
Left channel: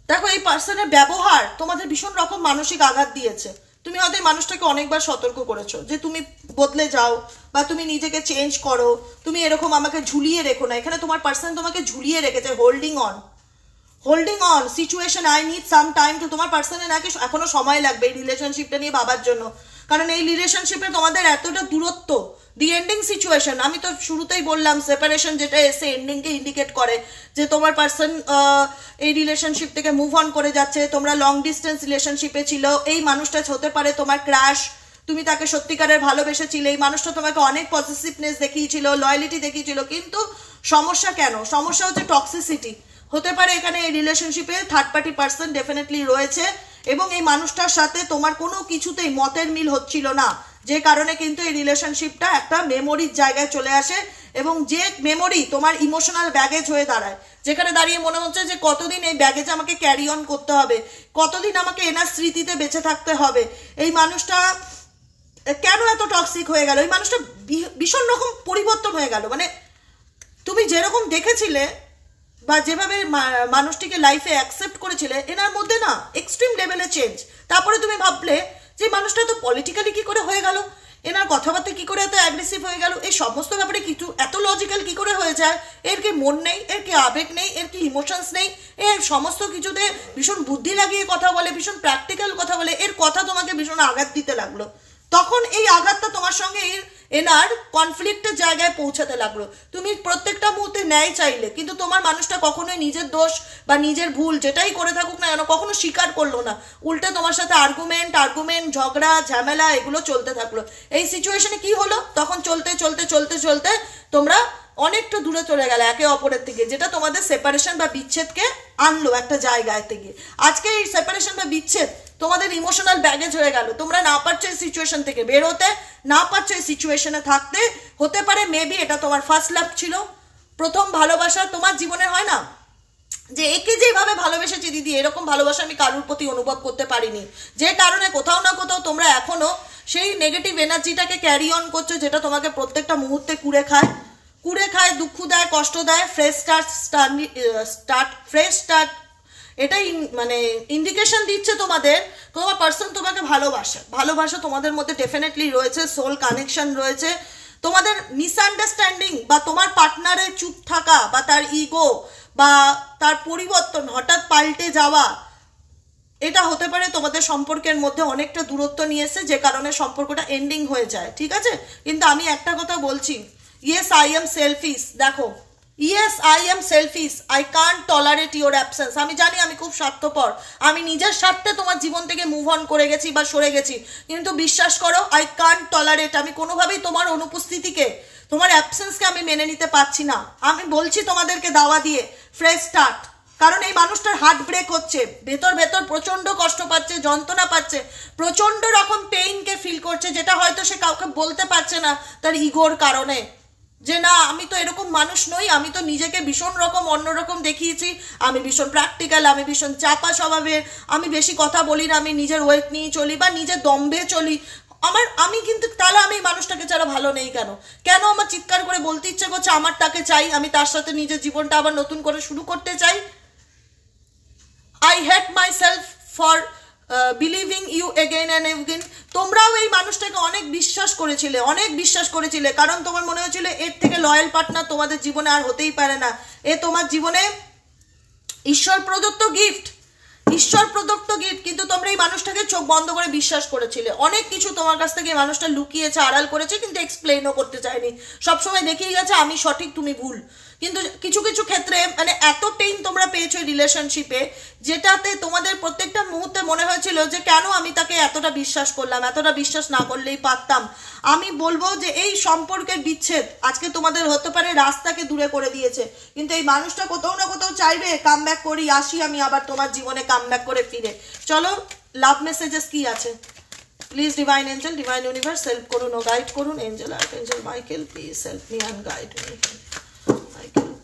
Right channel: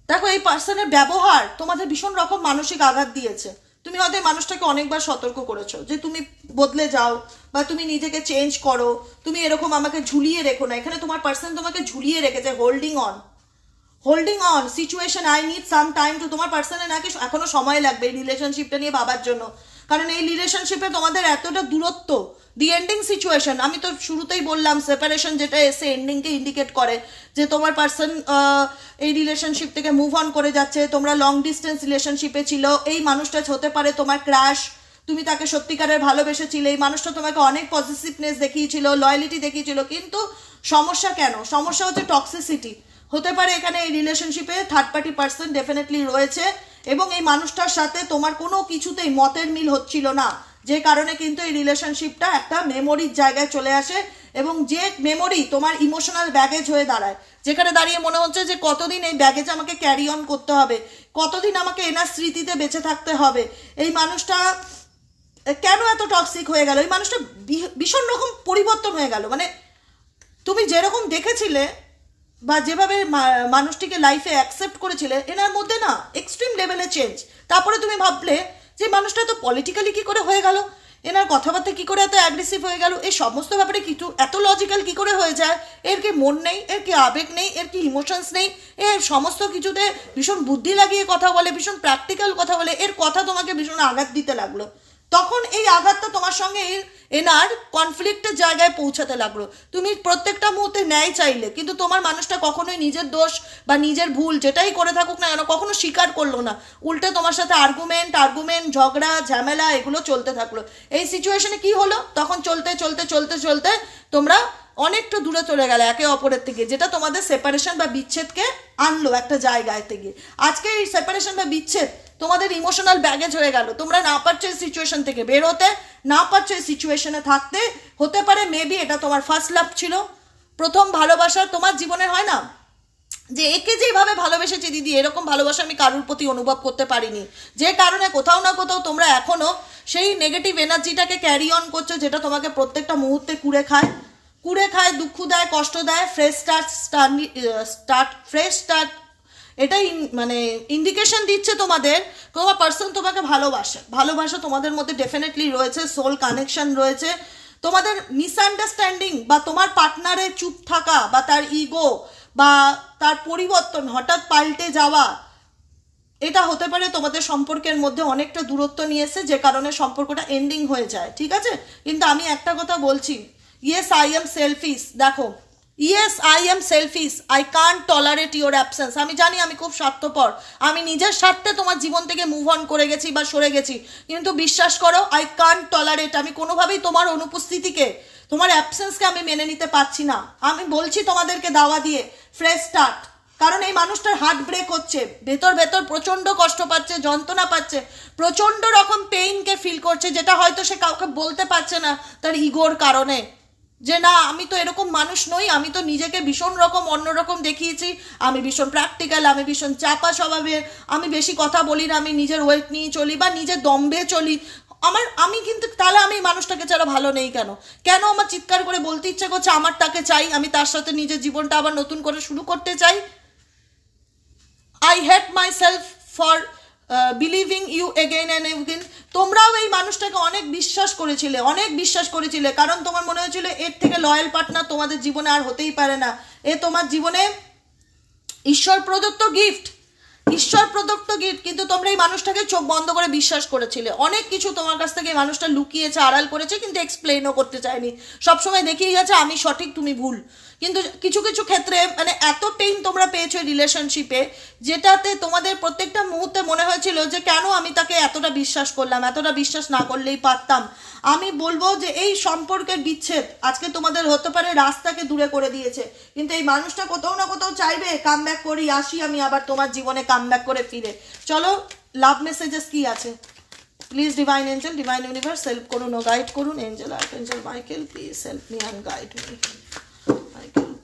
দেখো, এই পার্সনের ব্যবহার তোমাদের ভীষণ রকম মানসিক আঘাত দিয়েছে। তুমি হয়তো এই মানুষটাকে অনেকবার সতর্ক করেছো যে তুমি বদলে যাও বা তুমি নিজেকে চেঞ্জ করো, তুমি এরকম আমাকে ঝুলিয়ে রেখো না। এখানে তোমার পার্সন তোমাকে ঝুলিয়ে রেখেছে, holding on situation. I need some time to. তোমার পার্সনের নাকি এখনো সময় লাগবে এই রিলেশনশিপটা নিয়ে ভাবার জন্য, কারণ এই রিলেশনশিপে তোমাদের এতটা দূরত্ব, দি এন্ডিং সিচুয়েশন। আমি তো শুরুতেই বললাম সেপারেশন যেটা এসে এন্ডিংকে ইন্ডিকেট করে, যে তোমার পার্সন এই রিলেশনশিপ থেকে মুভ অন করে যাচ্ছে। তোমরা লং ডিস্টেন্স রিলেশনশিপে ছিল, এই মানুষটা হতে পারে তোমার ক্রাশ, তুমি তাকে সত্যিকারের ভালোবেসেছিলে, এই মানুষটা তোমাকে অনেক পজিটিভনেস দেখিয়েছিল, লয়ালিটি দেখিয়েছিল। কিন্তু সমস্যা কেন? সমস্যা হচ্ছে টক্সিসিটি। হতে পারে এখানে এই রিলেশনশিপে থার্ড পার্টি পার্সন ডেফিনেটলি রয়েছে এবং এই মানুষটার সাথে তোমার কোনো কিছুতেই মতের মিল হচ্ছিল না, যে কারণে কিন্তু এই রিলেশনশিপটা একটা মেমোরির জায়গায় চলে আসে এবং যে মেমোরি তোমার ইমোশনাল ব্যাগেজ হয়ে দাঁড়ায়, যেখানে দাঁড়িয়ে মনে হচ্ছে যে কতদিন এই ব্যাগেজ আমাকে ক্যারি অন করতে হবে, কতদিন আমাকে এনার স্মৃতিতে বেঁচে থাকতে হবে, এই মানুষটা কেন এত টক্সিক হয়ে গেল, এই মানুষটা ভীষণ রকম পরিবর্তন হয়ে গেল। মানে তুমি যেরকম দেখেছিলে বা যেভাবে মানুষটিকে লাইফে অ্যাকসেপ্ট করেছিলে, এনার মধ্যে না এক্সট্রিম লেভেলে চেঞ্জ। তারপরে তুমি ভাবলে যে মানুষটা তো পলিটিক্যালি কি করে হয়ে গেল, এনার কথাবার্তা কি করে এত অ্যাগ্রেসিভ হয়ে গেল, এই সমস্ত ব্যাপারে কিছু এত লজিক্যাল কি করে হয়ে যায়, এর কি মন নেই, এর কি আবেগ নেই, এর কি ইমোশনস নেই, এর সমস্ত কিছুতে ভীষণ বুদ্ধি লাগিয়ে কথা বলে, ভীষণ প্র্যাকটিক্যাল কথা বলে, এর কথা তোমাকে ভীষণ আঘাত দিতে লাগলো। তখন এই আঘাতটা তোমার সঙ্গে এনার কনফ্লিক্টের জায়গায় পৌঁছাতে লাগলো। তুমি প্রত্যেকটা মুহূর্তে ন্যায় চাইলে, কিন্তু তোমার মানুষটা কখনোই নিজের দোষ বা নিজের ভুল যেটাই করে থাকুক না কেন কখনো স্বীকার করলো না, উল্টে তোমার সাথে আর্গুমেন্ট ঝগড়া ঝামেলা এগুলো চলতে থাকলো। এই সিচুয়েশনে কি হলো, তখন চলতে চলতে চলতে চলতে তোমরা অনেকটা দূরে চলে গেলে একে অপরের থেকে, যেটা তোমাদের সেপারেশন বা বিচ্ছেদকে আনলো একটা জায়গায় থেকে। আজকে এই সেপারেশন বা বিচ্ছেদ তোমাদের ইমোশনাল ব্যাগেজ হয়ে গেল, তোমরা না পারছো এই সিচুয়েশন থেকে বের হতে, না পারছো এই সিচুয়েশনে থাকতে। হতে পারে মেবি এটা তোমার ফার্স্ট লাভ ছিল, প্রথম ভালোবাসা তোমার জীবনে। হয় না যে একে যেভাবে ভালোবেসেছি দিদি, এরকম ভালোবাসা আমি কারোর প্রতি অনুভব করতে পারিনি, যে কারণে কোথাও না কোথাও তোমরা এখনো সেই নেগেটিভ এনার্জিটাকে ক্যারি অন করছো, যেটা তোমাকে প্রত্যেকটা মুহূর্তে কুড়ে খায়, দুঃখ দেয়, কষ্ট দেয়। ফ্রেশ স্টার্ট এটাই মানে ইন্ডিকেশন দিচ্ছে তোমাদের তোমার পার্সন তোমাকে ভালোবাসা তোমাদের মধ্যে ডেফিনেটলি রয়েছে, সোল কানেকশন রয়েছে। তোমাদের মিসআন্ডারস্ট্যান্ডিং বা তোমার পার্টনারের চুপ থাকা বা তার ইগো বা তার পরিবর্তন হঠাৎ পাল্টে যাওয়া, এটা হতে পারে তোমাদের সম্পর্কের মধ্যে অনেকটা দূরত্ব নিয়ে এসে, যে কারণে সম্পর্কটা এন্ডিং হয়ে যায়। ঠিক আছে, কিন্তু আমি একটা কথা বলছি, ইয়েস আই এম সেলফিশ। দেখো, yes I am selfish, I can't tolerate your absence. আমি জানি আমি খুব স্বার্থপর, আমি নিজের স্বার্থে তোমার জীবন থেকে মুভ অন করে গেছি বা সরে গেছি, কিন্তু বিশ্বাস করো আই কান্ট টলারেট, আমি কোনোভাবেই তোমার অনুপস্থিতিকে, তোমার অ্যাবসেন্সকে আমি মেনে নিতে পারছি না। আমি বলছি তোমাদেরকে দাওয়া দিয়ে ফ্রেশ স্টার্ট, কারণ এই মানুষটার হার্ট ব্রেক হচ্ছে, ভেতর প্রচন্ড কষ্ট পাচ্ছে, যন্ত্রণা পাচ্ছে, প্রচন্ড রকম পেইনকে ফিল করছে, যেটা হয়তো সে কাউকে বলতে পারছে না তার ইগোর কারণে, যে না আমি তো এরকম মানুষ নই, আমি তো নিজেকে ভীষণ রকম অন্যরকম দেখিয়েছি, আমি ভীষণ প্র্যাকটিক্যাল, আমি ভীষণ চাপা স্বভাবের, আমি বেশি কথা বলি না, আমি নিজের ওয়েট নিয়ে চলি বা নিজের দম্ভে চলি, আমি কিন্তু তাহলে আমি মানুষটাকে ছাড়া ভালো নেই কেন আমার চিৎকার করে বলতে ইচ্ছে করছে আমার তাকে চাই, আমি তার সাথে নিজের জীবনটা আবার নতুন করে শুরু করতে চাই। I hate myself for believing you again and again. তোমরাও এই মানুষটাকে অনেক বিশ্বাস করেছিলে, কারণ তোমার মনে হয়েছিল এর থেকে লয়াল পার্টনার তোমাদের জীবনে আর হতেই পারে না, এ তোমার জীবনে ঈশ্বর প্রদত্ত গিফট, কিন্তু তোমরা এই মানুষটাকে চোখ বন্ধ করে বিশ্বাস করেছিলে। অনেক কিছু তোমার কাছ থেকে এই মানুষটা লুকিয়েছে, আড়াল করেছে, কিন্তু এক্সপ্লেইনও করতে চায়নি, সবসময় দেখিয়ে গেছে আমি সঠিক তুমি ভুল। কিন্তু কিছু কিছু ক্ষেত্রে মানে এত পেইন তোমরা পেয়েছো রিলেশনশিপে, যেটাতে তোমাদের প্রত্যেকটা মুহূর্তে মনে হয়েছিল যে কেন আমি তাকে এতটা বিশ্বাস করলাম, এতটা বিশ্বাস না করলেই পারতাম। আমি বলবো যে এই সম্পর্কের বিচ্ছেদ আজকে তোমাদের হতে পারে রাস্তাকে দূরে করে দিয়েছে, কিন্তু এই মানুষটা কোথাও না কোথাও চাইবে কাম ব্যাক করি, আসি আমি আবার তোমার জীবনে কাম ব্যাক করে ফিরে। চলো লাভ মেসেজেস কি আছে, please divine angel, divine universe help করুন ও গাইড করুন। Angel archangel Michael please help me and guide me.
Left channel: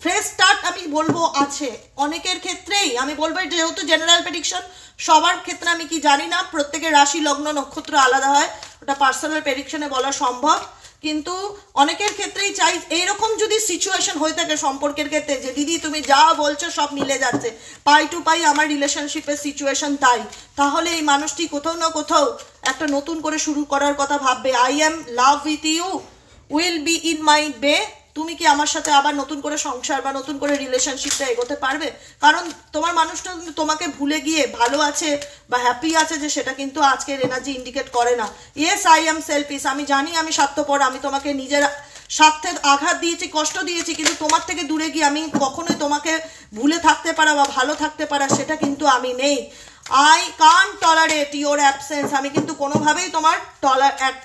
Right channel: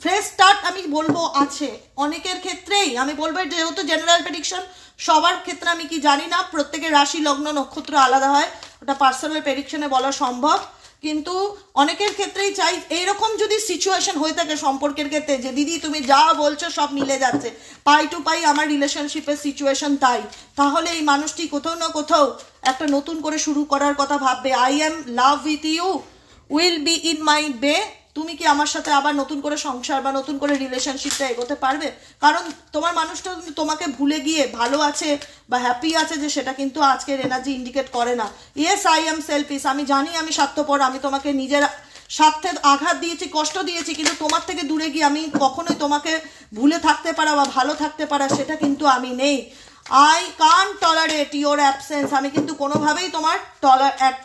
Fresh start আমি বলবো আছে অনেকের ক্ষেত্রেই, আমি বলবো যেহেতু জেনারেল প্রেডিকশন সবার ক্ষেত্রে আমি কি জানি না, প্রত্যেকের রাশি লগ্ন নক্ষত্র আলাদা হয়, ওটা পার্সোনাল প্রেডিকশনে বলা সম্ভব, কিন্তু অনেকের ক্ষেত্রেই চাই এইরকম যদি সিচুয়েশন হয়ে থাকে সম্পর্কের ক্ষেত্রে যে দিদি তুমি যা বলছো সব মিলে যাচ্ছে, পাই টু পাই আমার রিলেশনশিপের সিচুয়েশন তাই, তাহলে এই মানুষটি কোথাও না কোথাও একটা নতুন করে শুরু করার কথা ভাববে। I am love with you, will be in my bay. তুমি কি আমার সাথে আবার নতুন করে সংসার বা নতুন করে রিলেশনশিপটা এগোতে পারবে? কারণ তোমার মানুষটা তোমাকে ভুলে গিয়ে ভালো আছে বা হ্যাপি আছে, যে সেটা কিন্তু আজকের এনার্জি ইন্ডিকেট করে না। ইয়েস আই এম সেলফিশ, আমি জানি আমি স্বার্থপর, আমি তোমাকে নিজের স্বার্থে আঘাত দিয়েছি, কষ্ট দিয়েছি, কিন্তু তোমার থেকে দূরে গিয়ে আমি কখনোই তোমাকে ভুলে থাকতে পারা বা ভালো থাকতে পারা সেটা কিন্তু আমি নেই। I can't tolerate your absence, আমি কিন্তু কোনোভাবেই তোমার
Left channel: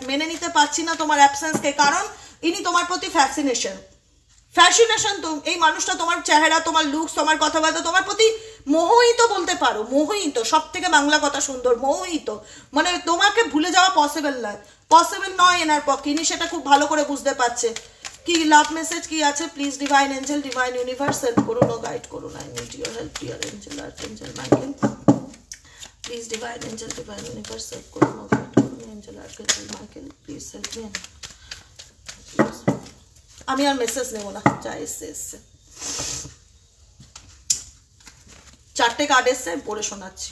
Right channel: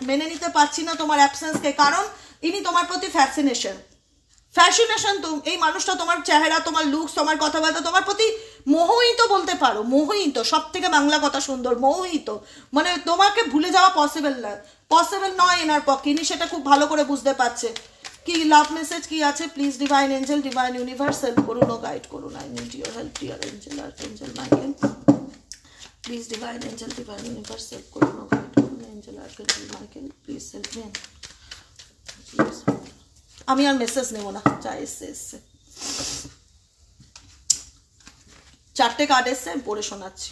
মেনে নিতে পারছি না তোমার অ্যাবসেন্সকে, কারণ ইনি তোমার প্রতি ফ্যাশনেশন তো এই মানুষটা তোমার চেহারা, তোমার লুকস, তোমার কথাবার্তা, তোমার প্রতি মোহিত বলতে পারো, মোহিত, সব থেকে বাংলা কথা সুন্দর, মোহিত, মানে তোমাকে ভুলে যাওয়া পসিবল নয় এনার পক্ষে, ইনি সেটা খুব ভালো করে বুঝতে পারছে। কি লাভ মেসেজ কি আছে please divine angel divine universe help করুন ও গাইড করুন। I need your help dear angel archangel Michael please divine angel divine universe help করুন ও গাইড করুন। Angel archangel Michael please help me. আমি আর মেসেজ নেব না, যা এসছে। 4টে কার্ড এসছে, পড়ে শোনাচ্ছি।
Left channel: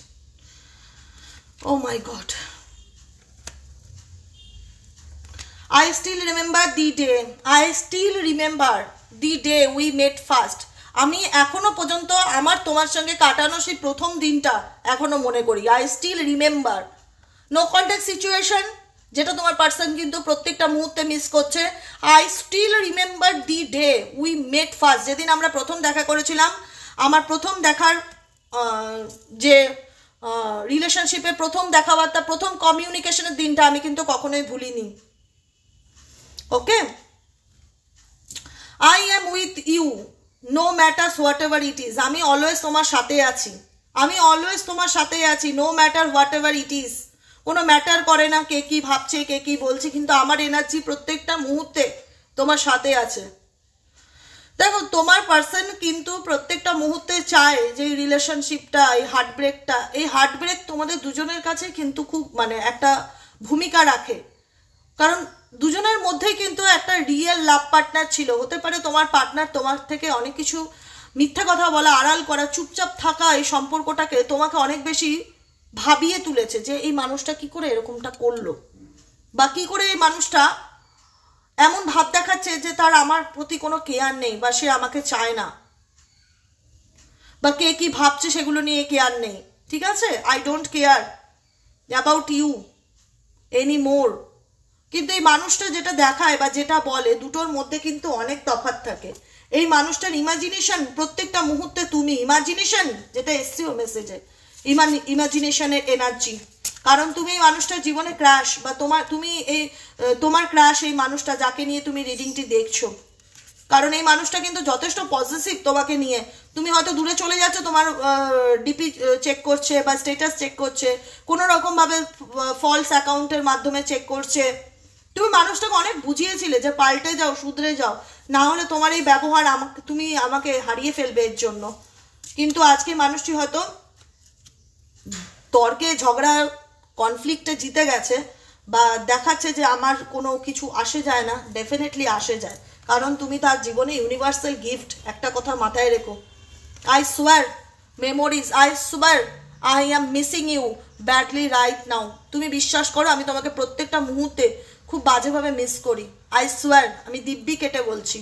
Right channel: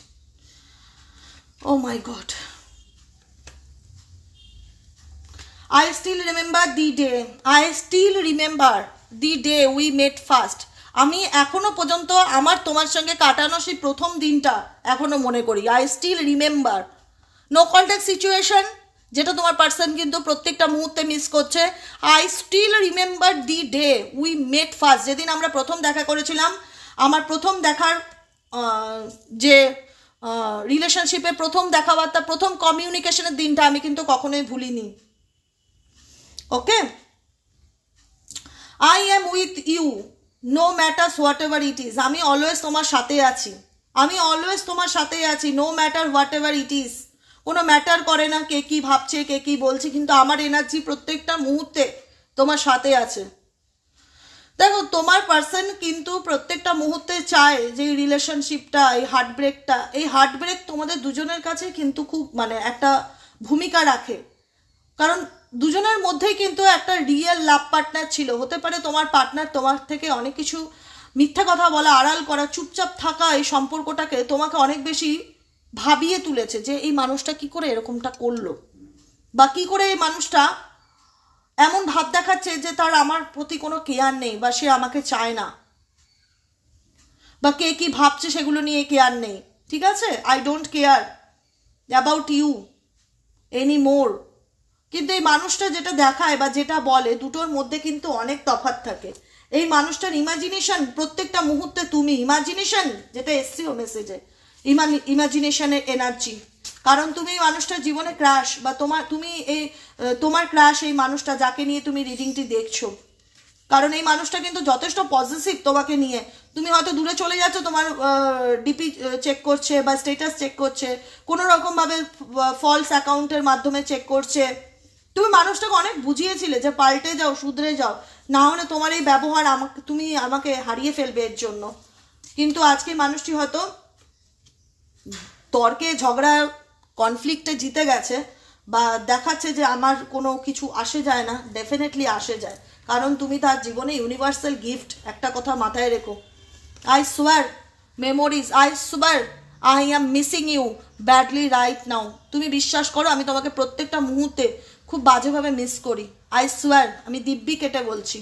ও মাই god, I still remember the day we met first. আমি এখনো পর্যন্ত আমার তোমার সঙ্গে কাটানো সেই প্রথম দিনটা এখনো মনে করি। I still remember. No contact situation, যেটা তোমার পার্সন কিন্তু প্রত্যেকটা মুহূর্তে মিস করছে। I still remember the day we met first. যেদিন আমরা প্রথম দেখা করেছিলাম, আমার প্রথম দেখার যে রিলেশনশিপের প্রথম দেখাবার্তা, প্রথম কমিউনিকেশনের দিনটা আমি কিন্তু কখনোই ভুলিনি। ওকে, I am with you no matters whatever it is. আমি অলওয়েজ তোমার সাথে আছি, আমি অলওয়েজ তোমার সাথে আছি, no matter whatever it is. কোনো ম্যাটার করে না কে কি ভাবছে কে কি বলছে, কিন্তু আমার এনার্জি প্রত্যেকটা মুহূর্তে তোমার সাথে আছে। দেখো তোমার পার্সন কিন্তু প্রত্যেকটা মুহূর্তে চায় যে এই রিলেশনশিপটা, এই হার্টব্রেক তোমাদের দুজনের কাছে কিন্তু খুব মানে একটা ভূমিকা রাখে। কারণ দুজনের মধ্যেই কিন্তু একটা রিয়েল লাভ পার্টনার ছিল। হতে পারে তোমার পার্টনার তোমার থেকে অনেক কিছু মিথ্যা কথা বলা, আড়াল করা, চুপচাপ থাকা এই সম্পর্কটাকে তোমাকে অনেক বেশি ভাবিয়ে তুলেছে যে এই মানুষটা কি করে এরকমটা করলো, বা কি করে এই মানুষটা এমন ভাব দেখাচ্ছে যে তার আমার প্রতি কোনো কেয়ার নেই, বা সে আমাকে চায় না, বা কে কি ভাবছে সেগুলো নিয়ে কেয়ার নেই। ঠিক আছে, I don't care about you any more. কিন্তু এই মানুষটা যেটা দেখায় বা যেটা বলে দুটোর মধ্যে কিন্তু অনেক তফাৎ থাকে। এই মানুষটার ইমাজিনেশন প্রত্যেকটা মুহূর্তে তুমি, ইমাজিনেশন যেটা এসছিও মেসেজে, ইমাজিনেশনের এনার্জি। কারণ তুমি এই মানুষটার জীবনে ক্রাশ, বা তোমার ক্রাশ এই মানুষটা যাকে নিয়ে তুমি রিডিংটি দেখছো। কারণ এই মানুষটা কিন্তু যথেষ্ট পজিটিভ তোমাকে নিয়ে। তুমি হয়তো দূরে চলে যাচ্ছ, তোমার ডিপি চেক করছে বা স্ট্যাটাস চেক করছে, কোনো রকমভাবে ফলস অ্যাকাউন্টের মাধ্যমে চেক করছে। তুমি মানুষটাকে অনেক বুঝিয়েছিলে যে পাল্টে যাও, শুধরে যাও, না হলে তোমার এই ব্যবহার তুমি আমাকে হারিয়ে ফেলবে এর জন্য। কিন্তু আজকে মানুষটি হয়তো তর্কে ঝগড়া কনফ্লিক্টে জিতে গেছে, বা দেখাচ্ছে যে আমার কোনো কিছু আসে যায় না। ডেফিনেটলি আসে যায়, কারণ তুমি তার জীবনে ইউনিভার্সাল গিফট। একটা কথা মাথায় রেখো, I swear memories, I swear I am missing you badly right now. তুমি বিশ্বাস করো আমি তোমাকে প্রত্যেকটা মুহূর্তে খুব বাজেভাবে মিস করি। আই সোয়ার, আমি দিব্যি কেটে বলছি।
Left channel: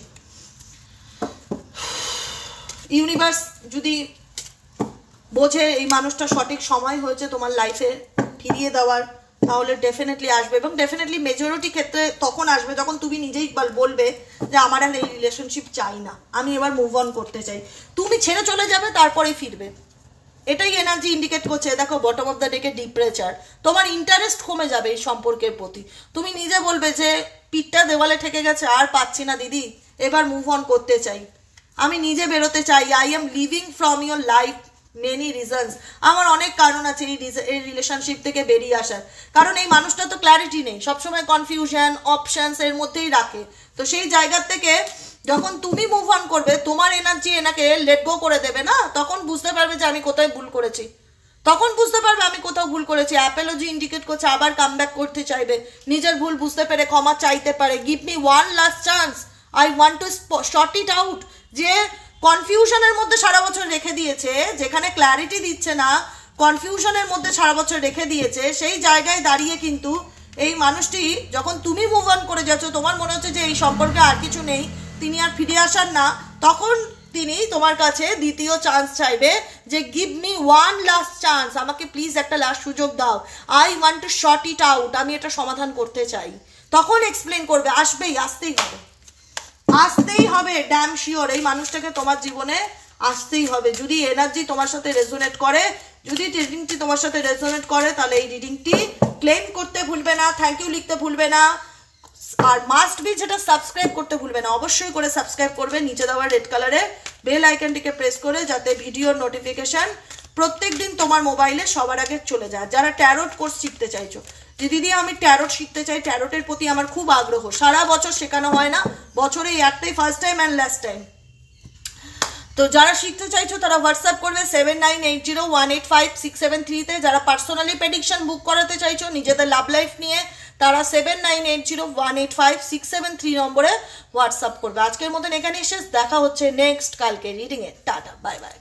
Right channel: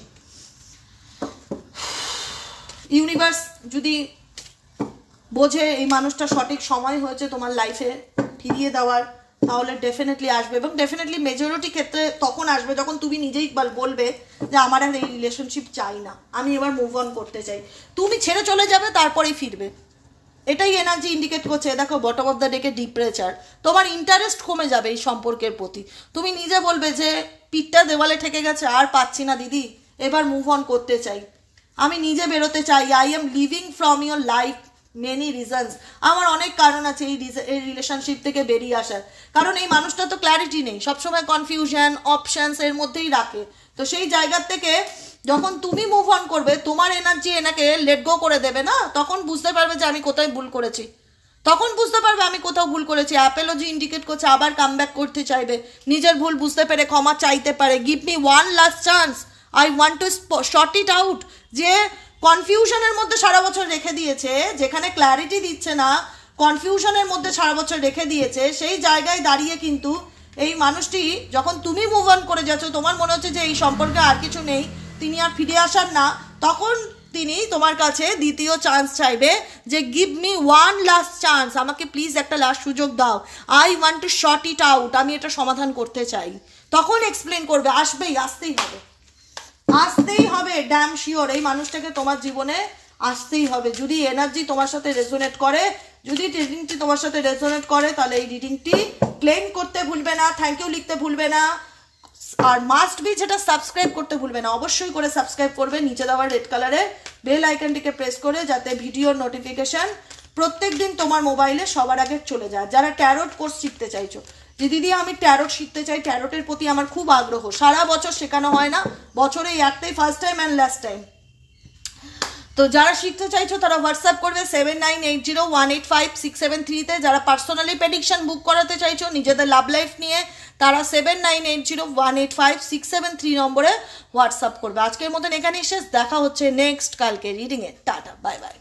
ইউনিভার্স যদি বোঝে এই মানুষটা সঠিক সময় হয়েছে তোমার লাইফে ফিরিয়ে দেওয়ার, তাহলে ডেফিনেটলি আসবে। এবং ডেফিনেটলি মেজরিটি ক্ষেত্রে তখন আসবে যখন তুমি নিজেই বলবে যে আমার আর এই রিলেশনশিপ চাই না, আমি এবার মুভ অন করতে চাই। তুমি ছেড়ে চলে যাবে, তারপরেই ফিরবে। এটাই এনার্জি ইন্ডিকেট করছে। দেখো বটম অফ দ্য ডেকে ডিপ্রেচার, তোমার ইন্টারেস্ট কমে যাবে এই সম্পর্কের প্রতি। তুমি নিজে বলবে যে পিঠটা দেওয়ালে ঠেকে গেছে, আর পাচ্ছি না দিদি, এবার মুভ অন করতে চাই, আমি নিজে বেরোতে চাই। I am living from your life many reasons, আমার অনেক কারণ আছে এই রিলেশনশিপ থেকে বেরিয়ে আসার। কারণ এই মানুষটা তো ক্ল্যারিটি নেই, সবসময় কনফিউশন অপশনস এর মধ্যেই রাখে। তো সেই জায়গা থেকে যখন তুমি মুভ অন করবে, তোমার এনার্জি এনাকে লেট গো করে দেবে না, তখন বুঝতে পারবে যে আমি কোথায় ভুল করেছি। তখন বুঝতে পারবে আমি কোথাও ভুল করেছি। অ্যাপোলজি ইন্ডিকেট করছে আবার কামব্যাক করতে চাইবে, নিজের ভুল বুঝতে পেরে ক্ষমা চাইতে পারে। Give me one last chance, I want to short it out. যে কনফিউশনের মধ্যে সারা বছর রেখে দিয়েছে, যেখানে ক্ল্যারিটি দিচ্ছে না, কনফিউশনের মধ্যে সারা বছর রেখে দিয়েছে, সেই জায়গায় দাঁড়িয়ে কিন্তু এই মানুষটি যখন তুমি মুভ অন করে যাচ্ছ, তোমার মনে হচ্ছে যে এই সম্পর্কে আর কিছু নেই, তিনি আর ফিরে আসার না, তখন তিনি তোমার কাছে দ্বিতীয় চান্স চাইবে যে give me one last chance, আমাকে প্লিজ একটা লাস্ট সুযোগ দাও, I want to short it out, আমি এটা সমাধান করতে চাই। তখন এক্সপ্লেন করবে, আসতেই হবে ড্যাম শিওর এই মানুষটাকে তোমার জীবনে আসতেই হবে। যদি এনার্জি তোমার সাথে রেজোনেট করে, যদি রিডিংটি তোমার সাথে রেজোনেট করে, তাহলে এই রিডিংটি ক্লেম করতে ভুলবে না, থ্যাংক ইউ লিখতে ভুলবে না, আর মাস্ট বি যেটা সাবস্ক্রাইব করতে ভুলবে না। অবশ্যই করে সাবস্ক্রাইব করবে, নিচে দেওয়া রেড কালারের বেল আইকনটিকে প্রেস করে, যাতে ভিডিওর নোটিফিকেশন প্রত্যেক দিন তোমার মোবাইলে সবার আগে চলে যায়। যারা ট্যারোট কোর্স শিখতে চাইছো, যে দিদি আমি ট্যারোট শিখতে চাই, ট্যারোটের প্রতি আমার খুব আগ্রহ, সারা বছর শেখানো হয় না, বছরে একটাই first time and last time. তো যারা শিখতে চাইছো তারা হোয়াটসঅ্যাপ করবে 7980185673-তে। যারা পার্সোনালি প্রেডিকশন বুক করাতে চাইছো নিজেদের লাভ লাইফ নিয়ে, তারা 7980185673 নম্বরে হোয়াটসঅ্যাপ করবে। আজকের মতন এখানে শেষ, দেখা হচ্ছে নেক্সট কালকে রিডিংয়ে। Tata, bye bye.